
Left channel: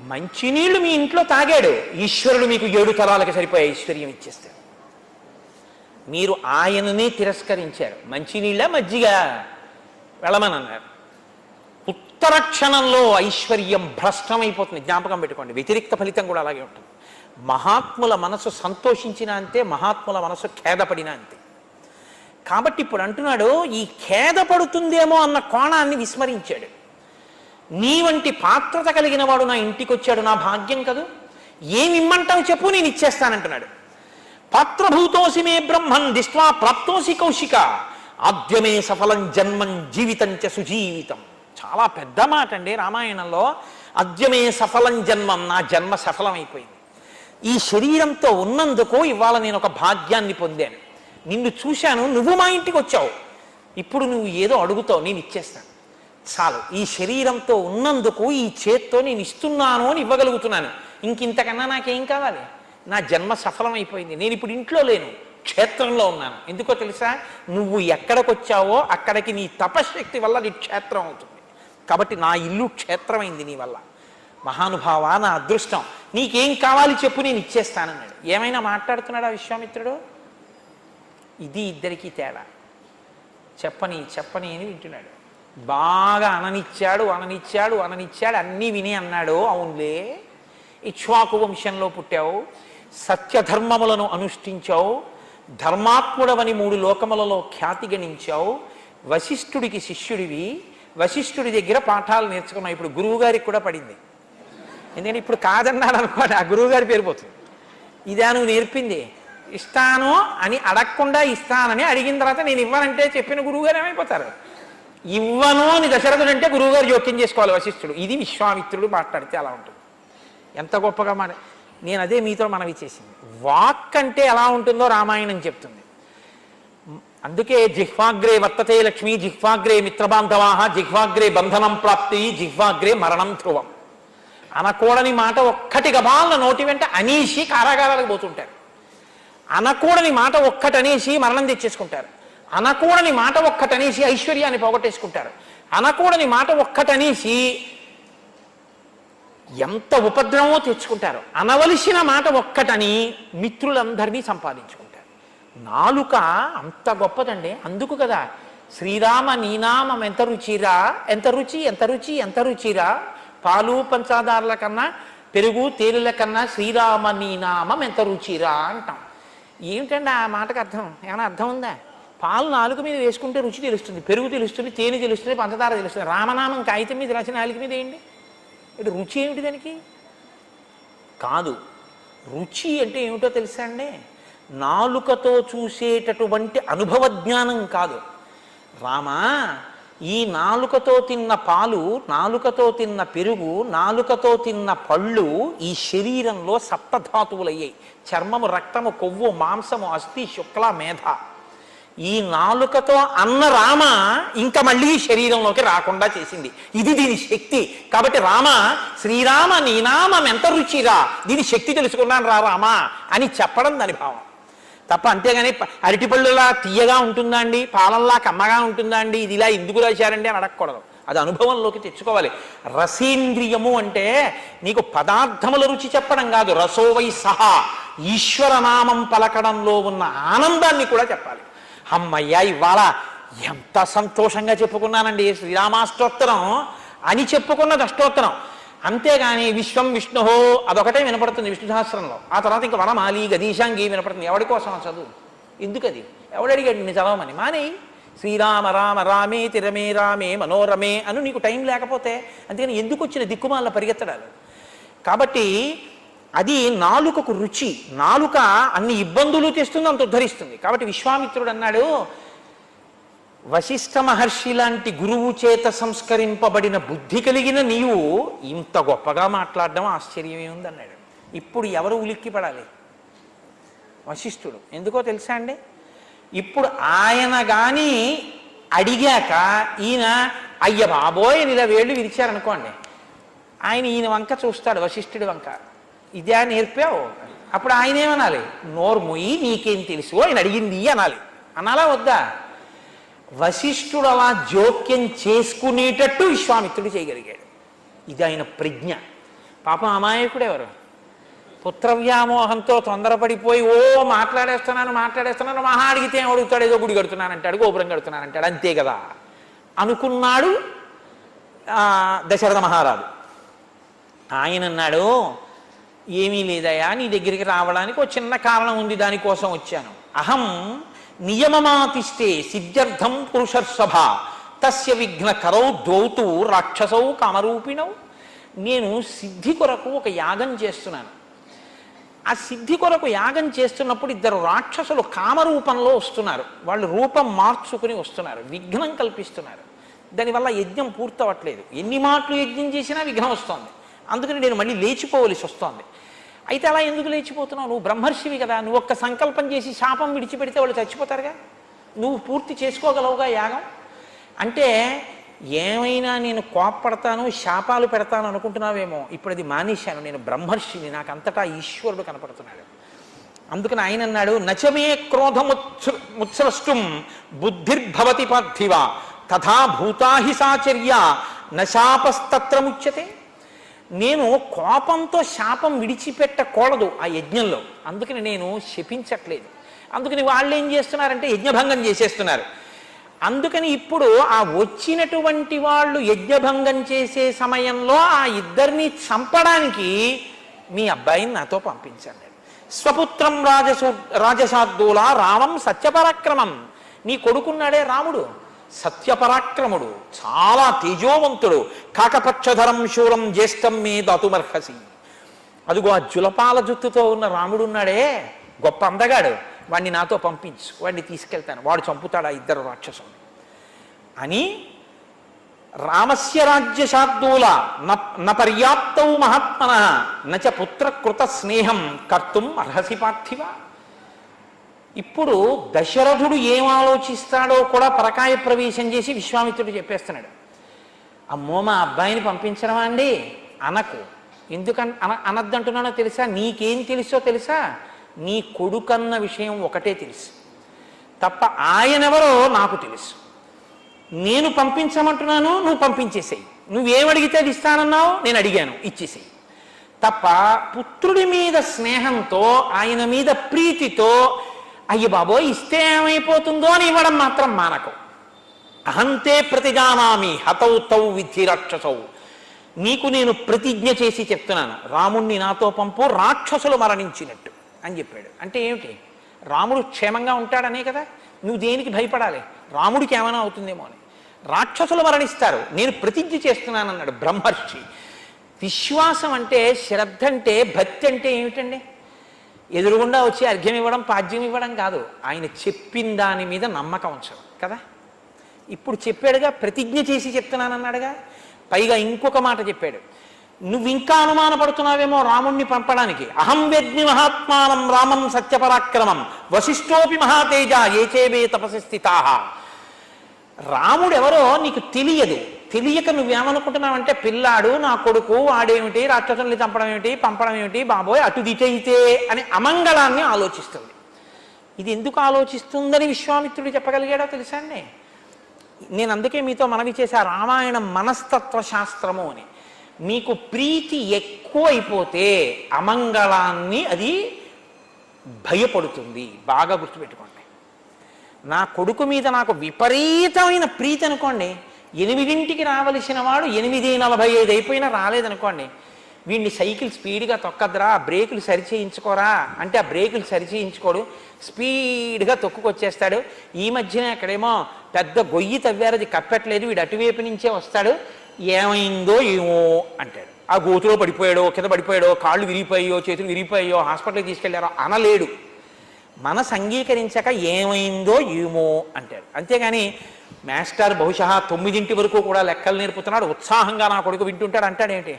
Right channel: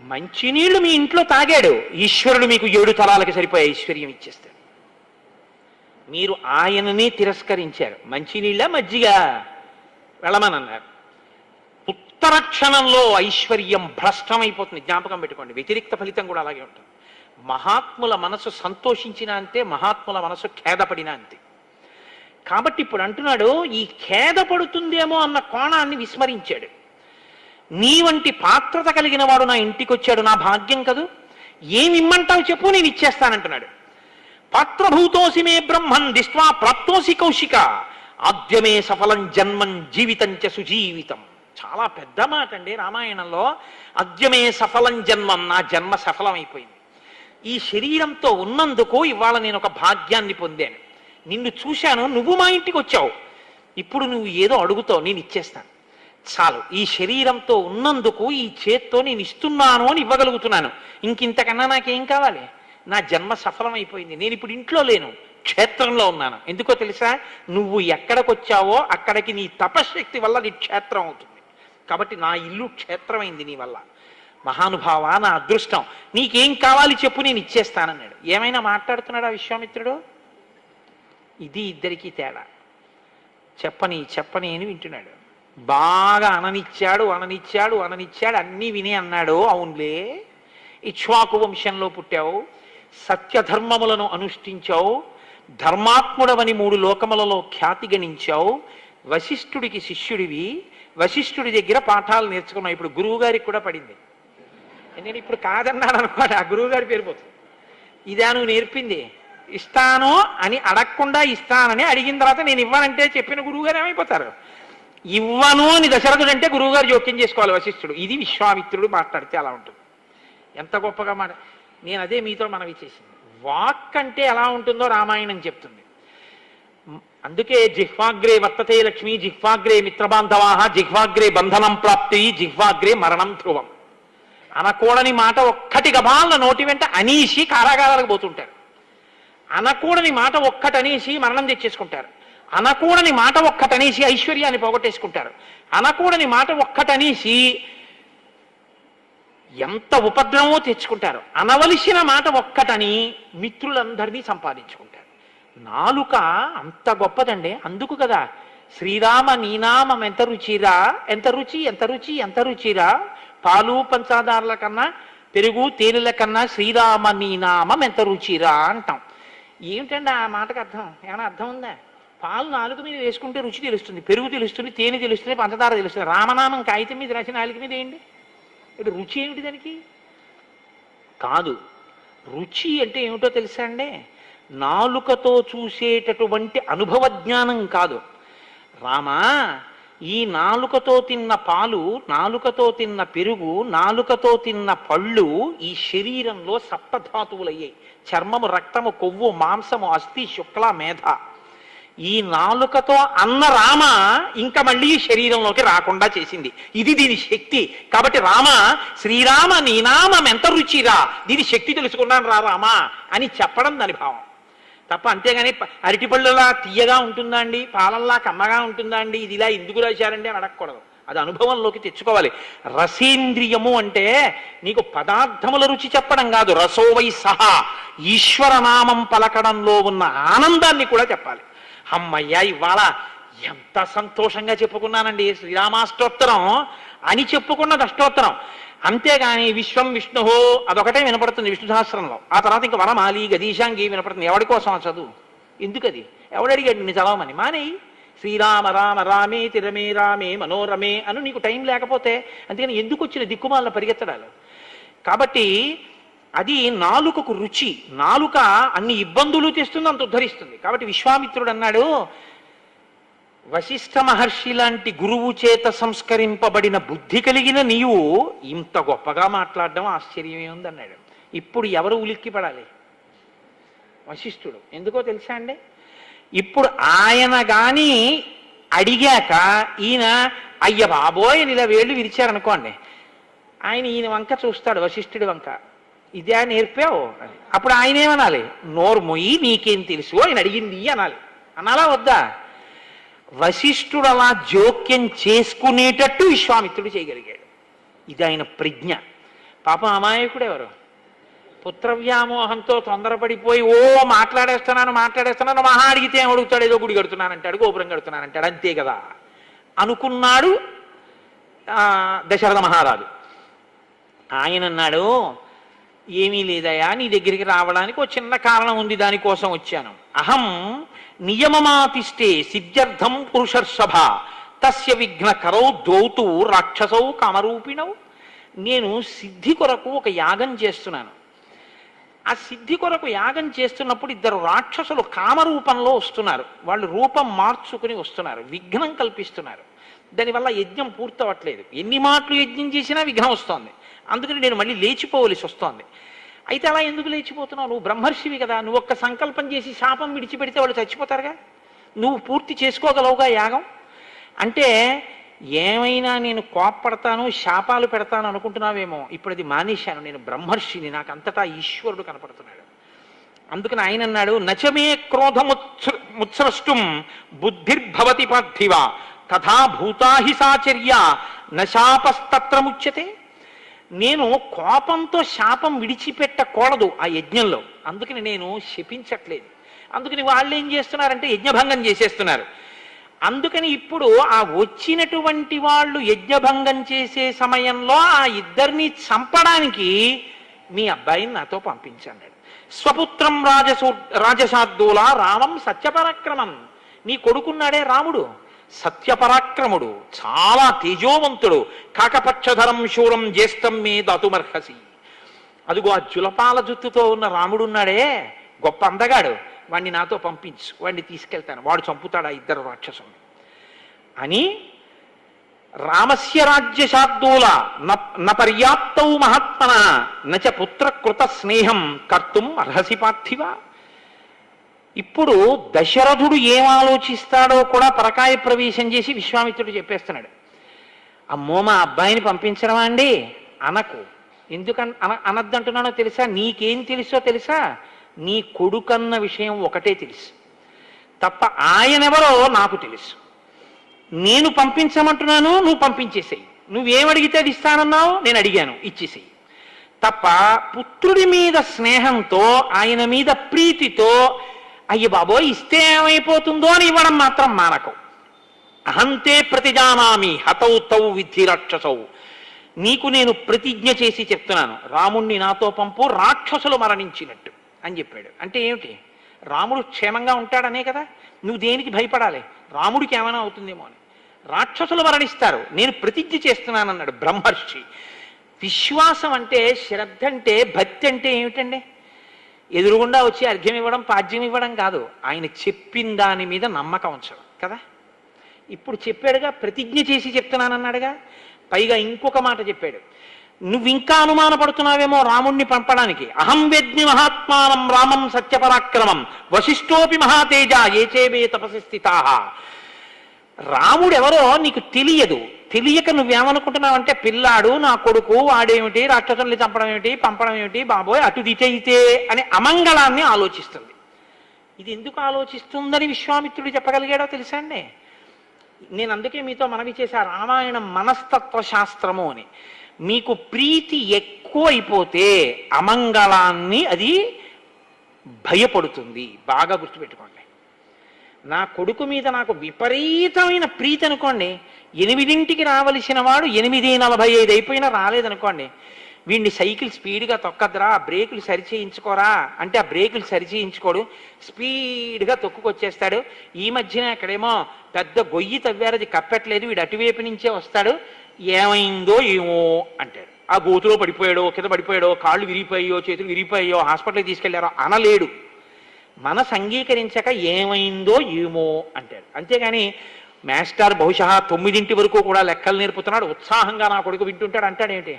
మంచినీళ్లు, మీ ఇంట్లో తాగాడు. ఈశ్వరుడు మీకు 7 తరాలకి సరిపోయే ఐశ్వర్యం ఇచ్చేస్తాడు. మీరు ఆయననే తిరస్కరించారు. మంచినీళ్ళ మజ్జిగ వెళ్ళమనన్నారు. ఉత్తర క్షణంలో ఐశ్వర్యం భ్రష్టమైపోతుంది. జ్ఞాపకం పెట్టుకోండి. వ్యతిరిక్త ఫలితం కూడా అలాగే ఉంటుంది. మహాత్ముల మనసు సంతోషించినా అంతే, మహాత్ముల మనసు ఖేదపడినా అంతే. కాబట్టి ఇప్పుడు అంటున్నాడు, ఈ ఖేదపడుతుందేమో అన్న కోణాన్ని విస్మరించాడు. నీ వంటి పాత్రత కలిగిన వాడు నా ఇంటికి వచ్చాడు, నా భాగ్యం కదూ, ఏమి ఇమ్మంటావు చెప్పు, నేను ఇచ్చేస్తానంటున్నాడు. పాత్రభూతోసి మే బ్రహ్మన్ దిష్ట్వా ప్రాప్తోసి కౌశిక ఆద్యమే సఫలం జన్మం జీవితం చ సుజీవితం. చాలా పెద్ద మాట అండి రామాయణంలో. అద్యమే సఫలం జన్మం, నా జన్మ సఫలమైపోయింది. ఈ శరీరంతో ఉన్నందుకు ఇవాళ నేను ఒక భాగ్యాన్ని పొందాను. నిన్ను చూశాను, నువ్వు మా ఇంటికి వచ్చావు, ఇప్పుడు నువ్వు ఏదో అడుగుతావు, నేను ఇచ్చేస్తాను. చాలు, ఈ శరీరంతో ఉన్నందుకు ఈ చేత్తో నేను ఇస్తున్నాను అని ఇవ్వగలుగుతున్నాను. ఇంకింతకన్నా నాకేం కావాలి? నా జన్మ సఫలమైపోయింది. నేను ఇప్పుడు ఇంట్లో లేను, క్షేత్రంలో ఉన్నాను. ఎందుకో తెలుసా? నువ్వు ఎక్కడికి వచ్చావో అక్కడికి నీ తపశక్తి వల్ల నీ క్షేత్రం అవుతుంది. కాబట్టి నా ఇల్లు క్షేత్రమైంది నీ వల్ల. మహానుభావ, నా అదృష్టం, నీకేం కావాలి చెప్పు, నేను ఇచ్చేస్తానన్నాడు. ఏమైనా మాట్లాడుతున్నాడా విశ్వామిత్రుడు? ఇది ఇద్దరికీ తేడా. చెప్పని చెప్పని అని వింటున్నాడు. బాగా అననిచ్చాడు అననిచ్చాడు అననిచ్చాడు, అన్నీ విని అన్నాడు, అవునులే, ఇక్ష్వాకు వంశంలో పుట్టావు, సత్యధర్మములను అనుష్ఠించావు, ధర్మాత్ముడవని 3 లోకములలో ఖ్యాతి గణించావు, వశిష్ఠుడికి శిష్యుడివి, వశిష్ఠుడి దగ్గర పాఠాలు నేర్చుకున్నావు. ఇప్పుడు గురువుగారికి కూడా పడింది. ఎందుకంటే ఇప్పుడు కాదన్నాడు అనుకోండి, ఆ గురువుగారి పేరు పోతుంది. ఇదా నువ్వు నేర్పింది? ఇస్తాను అని అడగకుండా ఇస్తానని అడిగిన తర్వాత నేను ఇవ్వనంటే చెప్పిన గురువుగారు ఏమైపోతారు? ఇవ్వను అని దశరథుడు అంటే గురువుగారు జోక్యం చేసుకోవాలి వశిష్ఠుడు. ఇది విశ్వామిత్రుడు మాట్లాడితే అలా ఉంటుంది. ఎంత గొప్పగా నేను అదే మీతో మనవి చేసింది. వాక్ అంటే ఎలా ఉంటుందో రామాయణం చెప్తుంది. అందుకే జిహ్వాగ్రే వర్తతే లక్ష్మి, జిహ్వాగ్రే మిత్రబాంధవాహ, జిహ్వాగ్రే బంధనం ప్రాప్తి, జిహ్వాగ్రే మరణం ధ్రువం. అనకూడని మాట ఒక్కటి గబాల నోటి వెంట అనేసి కారాగారాలకు పోతుంటారు. అనకూడని మాట ఒక్కటనేసి మరణం తెచ్చేసుకుంటారు. అనకూడని మాట ఒక్కటనేసి ఐశ్వర్యాన్ని పోగొట్టేసుకుంటారు. అనకూడని మాట ఒక్కటనేసి ఎంత ఉపద్రవమో తెచ్చుకుంటారు. అనవలసిన మాట ఒక్కటని మిత్రులందరినీ సంపాదించుకుంటారు. నాలుక అంత గొప్పదండి. అందుకు కదా శ్రీరామ నీనామం ఎంత రుచిరా, ఎంత రుచి ఎంత రుచి ఎంత రుచిరా, పాలు పంచదారుల కన్నా పెరుగు తేనెల కన్నా శ్రీరామ నీనామం ఎంత రుచిరా అంటాం. ఏమిటండి ఆ మాటకు అర్థం? ఏమైనా అర్థం ఉందా? పాలు నాలుగు మీద వేసుకుంటే రుచి తెలుస్తుంది, పెరుగు తెలుస్తుంది, తేనె తెలుస్తుంది, పంచదార తెలుస్తుంది. రామనామం కాగితం మీద రాసిన నాలుగు మీద ఏంటి? ఇటు రుచి ఏమిటి దానికి? కాదు, రుచి అంటే ఏమిటో తెలుసా అండి? నాలుకతో చూసేటటువంటి అనుభవ జ్ఞానం కాదు. రామా, ఈ నాలుకతో తిన్న పాలు, నాలుకతో తిన్న పెరుగు, నాలుకతో తిన్న పళ్ళు ఈ శరీరంలో సప్తధాతువులయ్యాయి. చర్మము, రక్తము, కొవ్వు, మాంసము, అస్థి, శుక్ల, మేధ. ఈ నాలుకతో అన్న రామ ఇంకా మళ్ళీ శరీరంలోకి రాకుండా చేసింది. ఇది దీని శక్తి. కాబట్టి రామ, శ్రీరామ నీనామం ఎంత రుచిరా, దీని శక్తి తెలుసుకున్నాను రా రామా అని చెప్పడం దాని భావం తప్ప. అంతేగాని అరటిపళ్ళులా తీయగా ఉంటుందా అండి, పాలల్లా కమ్మగా ఉంటుందా అండి, ఇది ఇలా ఎందుకు రాశారండి అని అడగకూడదు. అది అనుభవంలోకి తెచ్చుకోవాలి. రసేంద్రియము అంటే నీకు పదార్థముల రుచి చెప్పడం కాదు, రసోవై సహా ఈశ్వరనామం పలకడంలో ఉన్న ఆనందాన్ని కూడా చెప్పాలి. అమ్మయ్యా, ఇవాళ ఎంత సంతోషంగా చెప్పుకున్నానండి శ్రీరామాష్టోత్తరం అని చెప్పుకున్నది అష్టోత్తరం. అంతేగాని విశ్వం విష్ణుహో అదొకటే వినపడుతుంది విష్ణు సహస్రంలో. ఆ తర్వాత ఇంకా వనమాలి గదీశాంగి వినపడుతుంది. ఎవడి కోసం ఆ చదువు? ఎందుకది? ఎవడు అడిగాడు నేను చదవమని? మానేయి. శ్రీరామ రామ రామేతి రమే రామే మనోరమే అను. నీకు టైం లేకపోతే అందుకని ఎందుకు వచ్చిన దిక్కుమాల పరిగెత్తడాలు? కాబట్టి అది నాలుకకు రుచి. నాలుక అన్ని ఇబ్బందులు తెస్తుంది, అంత ఉద్ధరిస్తుంది. కాబట్టి విశ్వామిత్రుడు అన్నాడు, వశిష్ఠ మహర్షి లాంటి గురువు చేత సంస్కరింపబడిన బుద్ధి కలిగిన నీవు ఇంత గొప్పగా మాట్లాడడం ఆశ్చర్యమే ఉంది అన్నాడు. ఇప్పుడు ఎవరు ఉలిక్కి పడాలి? వశిష్ఠుడు. ఎందుకో తెలుసా అండి? ఇప్పుడు ఆయన కానీ అడిగాక ఈయన అయ్య బాబోయ్ ఇలా వేళ్ళు విరిచారనుకోండి, ఆయన ఈయన వంక చూస్తాడు, వశిష్ఠుడి వంక. ఇదే నేర్పావు? అప్పుడు ఆయన ఏమనాలి? నోరు మొయ్యి, నీకేం తెలుసు, ఆయన అడిగింది అనాలి. అనాలా వద్దా? వశిష్ఠుడు అలా జోక్యం చేసుకునేటట్టు విశ్వామిత్రుడు చేయగలిగాడు. ఇది ఆయన ప్రజ్ఞ. పాపం అమాయకుడు ఎవరు? పుత్రవ్యామోహంతో తొందరపడిపోయి మాట్లాడేస్తున్నాను మహా అడిగితే ఏం అడుగుతాడు? ఏదో గుడి కడుతున్నానంటాడు, గోపురం కడుతున్నానంటాడు, అంతే కదా అనుకున్నాడు దశరథ మహారాజు. ఆయన అన్నాడు, ఏమీ లేదయా, నీ దగ్గరికి రావడానికి ఒక చిన్న కారణం ఉంది, దానికోసం వచ్చాను. అహం నియమమాతిష్టే సిద్ధ్యర్థం పురుషర్షభ తస్య విఘ్న కరౌ ద్వౌతు రాక్షసౌ కామరూపిణవు. నేను సిద్ధి కొరకు ఒక యాగం చేస్తున్నాను. ఆ సిద్ధి కొరకు యాగం చేస్తున్నప్పుడు 2 రాక్షసులు కామరూపంలో వస్తున్నారు. వాళ్ళు రూపం మార్చుకుని వస్తున్నారు, విఘ్నం కల్పిస్తున్నారు. దానివల్ల యజ్ఞం పూర్తవట్లేదు. ఎన్ని మాటలు యజ్ఞం చేసినా విఘ్నం వస్తుంది. అందుకని నేను మళ్ళీ లేచిపోవలసి వస్తోంది. అయితే అలా ఎందుకు లేచిపోతున్నావు? నువ్వు బ్రహ్మర్షివి కదా, నువ్వు ఒక్క సంకల్పం చేసి శాపం విడిచిపెడితే వాళ్ళు చచ్చిపోతారుగా, నువ్వు పూర్తి చేసుకోగలవుగా యాగం అంటే. ఏమైనా నేను కోప్పడతాను, శాపాలు పెడతాను అనుకుంటున్నావేమో, ఇప్పుడు అది మానేశాను, నేను బ్రహ్మర్షిని, నాకు అంతటా ఈశ్వరుడు కనపడుతున్నాడు. అందుకని ఆయన అన్నాడు, నచమే క్రోధముత్సృష్టం బుద్ధిర్భవతి పార్థివ తథా భూతాహి సాచర్య నశాపస్తత్ర ముచ్యతే. నేను కోపంతో శాపం విడిచిపెట్టకూడదు ఆ యజ్ఞంలో, అందుకని నేను శపించట్లేదు. అందుకని వాళ్ళు ఏం చేస్తున్నారంటే యజ్ఞభంగం చేసేస్తున్నారు. అందుకని ఇప్పుడు ఆ వచ్చినటువంటి వాళ్ళు యజ్ఞభంగం చేసే సమయంలో ఆ ఇద్దరిని చంపడానికి మీ అబ్బాయిని నాతో పంపించండి. స్వపుత్రం రాజశార్దూల రామం సత్యపరాక్రమం. నీ కొడుకున్నాడే రాముడు సత్యపరాక్రముడు, చాలా తేజోవంతుడు. కాకపక్షధరం శూరం జ్యేష్టం మే దాతుమర్హసి. అదిగో ఆ జులపాల జుత్తుతో ఉన్న రాముడు ఉన్నాడే, గొప్ప అందగాడు, వాడిని నాతో పంపించు, వాడిని తీసుకెళ్తాను, వాడు చంపుతాడు ఆ ఇద్దరు రాక్షసుని అని. రామస్య రాజ్యశార్దూల నపర్యాప్తౌ మహాత్మన నచ పుత్రకృత స్నేహం కర్తుం అర్హసి పార్థివ. ఇప్పుడు దశరథుడు ఏం ఆలోచిస్తాడో కూడా పరకాయ ప్రవేశం చేసి విశ్వామిత్రుడు చెప్పేస్తున్నాడు. అమ్మో మా అబ్బాయిని పంపించడమా అండి అనకు. అనద్దంటున్నానో తెలుసా? నీకేం తెలుసో తెలుసా? నీ కొడుకన్న విషయం ఒకటే తెలుసు తప్ప ఆయనెవరో నాకు తెలుసు. నేను పంపించమంటున్నాను, నువ్వు పంపించేసేయి. నువ్వేమడిగితే అది ఇస్తానన్నావు, నేను అడిగాను, ఇచ్చేసేయి తప్ప పుత్రుడి మీద స్నేహంతో ఆయన మీద ప్రీతితో అయ్యి బాబోయ్ ఇస్తే ఏమైపోతుందో అని ఇవ్వడం మాత్రం మానకం. అహంతే ప్రతిజానామి హతౌ తౌ విద్ధి రాక్షసౌ. నీకు నేను ప్రతిజ్ఞ చేసి చెప్తున్నాను, రాముణ్ణి నాతో పంపు, రాక్షసులు మరణించినట్టు అని చెప్పాడు. అంటే ఏమిటి? రాముడు క్షేమంగా ఉంటాడనే కదా. నువ్వు దేనికి భయపడాలి? రాముడికి ఏమైనా అవుతుందేమో అని. రాక్షసులు మరణిస్తారు, నేను ప్రతిజ్ఞ చేస్తున్నానన్నాడు బ్రహ్మర్షి. విశ్వాసం అంటే, శ్రద్ధ అంటే, భక్తి అంటే ఏమిటండి? ఎదురుగుండా వచ్చి అర్ఘ్యం ఇవ్వడం, పాద్యం ఇవ్వడం కాదు, ఆయన చెప్పిన దాని మీద నమ్మకం ఉంచడం కదా. ఇప్పుడు చెప్పాడుగా, ప్రతిజ్ఞ చేసి చెప్తున్నానన్నాడుగా. పైగా ఇంకొక మాట చెప్పాడు, నువ్వు ఇంకా అనుమానపడుతున్నావేమో రాముణ్ణి పంపడానికి. అహం వేద్మి మహాత్మానం రామం సత్యపరాక్రమం వశిష్ఠోపి మహాతేజ ఏచేవే తపసి స్థితాః. రాముడెవరో నీకు తెలియదు. తెలియక నువ్వేమనుకుంటున్నావంటే పిల్లాడు నా కొడుకు, వాడేమిటి రాక్షసుల్ని చంపడం ఏమిటి, పంపడం ఏమిటి, బాబోయ్ అటు దిటైతే అని అమంగళాన్ని ఆలోచిస్తుంది. ఇది ఎందుకు ఆలోచిస్తుందని విశ్వామిత్రుడు చెప్పగలిగాడో తెలుసా అండి? నేను అందుకే మీతో మనవి చేశా, రామాయణం మనస్తత్వ శాస్త్రము అని. మీకు ప్రీతి ఎక్కువ అయిపోతే అమంగళాన్ని అది భయపడుతుంది. బాగా గుర్తుపెట్టుకోండి. నా కొడుకు మీద నాకు విపరీతమైన ప్రీతి అనుకోండి, 8ంటికి రావలసిన వాడు 8:45 అయిపోయినా రాలేదనుకోండి, వీడిని సైకిల్ స్పీడ్గా తొక్కద్రా, బ్రేకులు సరిచేయించుకోరా అంటే ఆ బ్రేకులు సరిచేయించుకోడు, స్పీడ్గా తొక్కుకొచ్చేస్తాడు. ఈ మధ్యన ఎక్కడేమో పెద్ద గొయ్యి తవ్వారు, అది కప్పట్లేదు, వీడు అటువైపు నుంచే వస్తాడు, ఏమైందో ఏమో అంటాడు. ఆ గోతులో పడిపోయాడో, కింద పడిపోయాడో, కాళ్ళు విరిగిపోయాయో, చేతులు విరిగిపోయాయో, హాస్పిటల్కి తీసుకెళ్లారో అనలేడు. మనసు అంగీకరించక ఏమైందో ఏమో అంటాడు. అంతేగాని మాస్టర్ బహుశా 9 వరకు కూడా లెక్కలు నేర్పుతున్నాడు, ఉత్సాహంగా నా కొడుకు వింటుంటాడు అంటాడేంటి?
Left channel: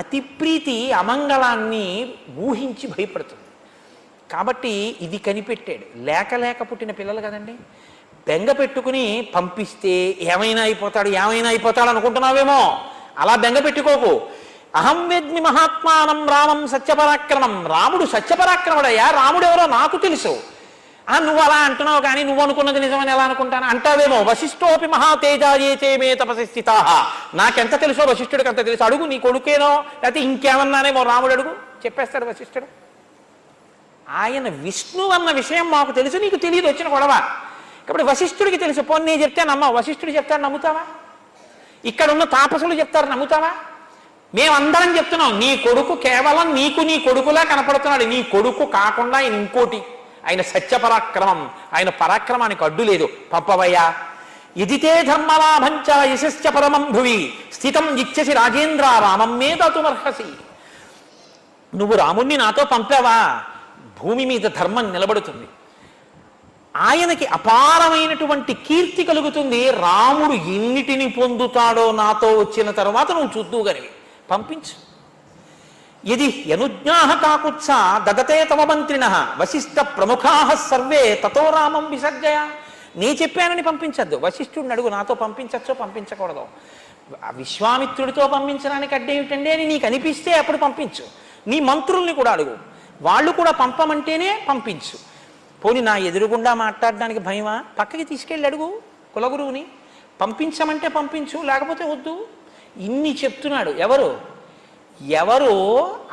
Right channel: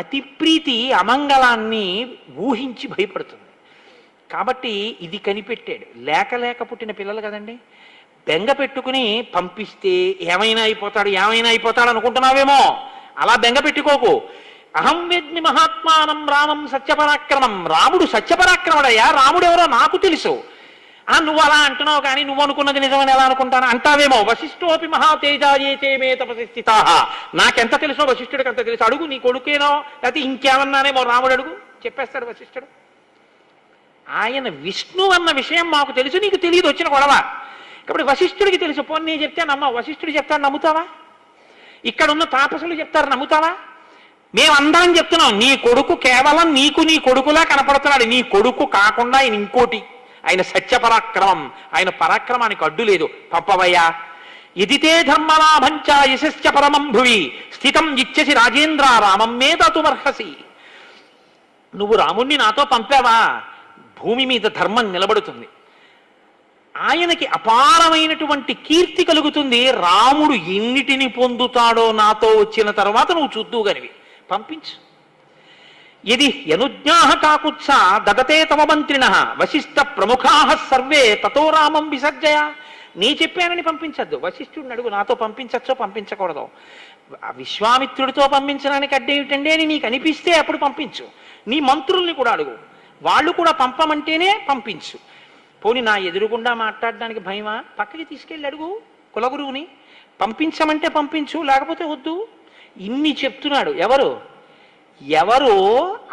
అతి ప్రీతి అమంగళాన్ని ఊహించి భయపడుతుంది. కాబట్టి ఇది కనిపెట్టాడు. లేక పుట్టిన పిల్లలు కదండి, బెంగ పెట్టుకుని పంపిస్తే ఏమైనా అయిపోతాడు అనుకుంటున్నావేమో, అలా బెంగ పెట్టుకోకు. అహం వేద్మి మహాత్మానం రామం సత్యపరాక్రమం. రాముడు సత్యపరాక్రముడయ్యా, రాముడెవరో నాకు తెలుసు. నువ్వు అలా అంటున్నావు కానీ నువ్వు అనుకున్నది నిజమని ఎలా అనుకుంటాను అంటావేమో. వశిష్ఠోపి మహాతేజాయే చేమే తపసి స్థితాః. నాకెంత తెలుసో వశిష్ఠుడికి అంత తెలుసు. అడుగు, నీ కొడుకేనో లేకపోతే ఇంకేమన్నానేమో రాముడు అడుగు, చెప్పేస్తాడు వశిష్ఠుడు. ఆయన విష్ణు అన్న విషయం మాకు తెలుసు, నీకు తెలియదు, వచ్చిన గొడవ. కాబట్టి వశిష్ఠుడికి తెలుసు. పోనీ నేను చెప్తే నమ్మ, వశిష్ఠుడు చెప్తాడు నమ్ముతావా? ఇక్కడున్న తాపసులు చెప్తారు నమ్ముతావా? మేమందరం చెప్తున్నాం, నీ కొడుకు కేవలం నీకు నీ కొడుకులా కనపడుతున్నాడు. నీ కొడుకు కాకుండా ఆయన ఇంకోటి, ఆయన సత్యపరాక్రమం, ఆయన పరాక్రమానికి అడ్డు లేదు. పంపవయ్యా. ఎదితే ధర్మలాభంచ యశశ్చ పరమం భువి స్థితం ఇచ్చసి రాజేంద్ర రామం మే దాతుమర్హసి. నువ్వు రాముణ్ణి నాతో పంపావా, భూమి మీద ధర్మం నిలబడుతుంది, ఆయనకి అపారమైనటువంటి కీర్తి కలుగుతుంది. రాముడు ఎన్నిటిని పొందుతాడో నాతో వచ్చిన తర్వాత నువ్వు చూద్దువు గనివి, పంపించు. ఇది యనుజ్ఞాహ కాకుత్స దదతే తవ మంత్రిణ వశిష్ఠ ప్రముఖా సర్వే తతో రామం విసర్జయ. నీ చెప్పానని పంపించద్దు, వశిష్ఠుడిని అడుగు నాతో పంపించచ్చో పంపించకూడదు. విశ్వామిత్రుడితో పంపించడానికి అడ్డేమిటండి అని నీకు అనిపిస్తే అప్పుడు పంపించు. నీ మంత్రుల్ని కూడా అడుగు, వాళ్ళు కూడా పంపమంటేనే పంపించు. పోనీ నా ఎదురుగుండా మాట్లాడడానికి భయమా? పక్కకి తీసుకెళ్ళి అడుగు కులగురువుని, పంపించమంటే పంపించు, లేకపోతే వద్దు. ఇన్ని చెప్తున్నాడు. ఎవరు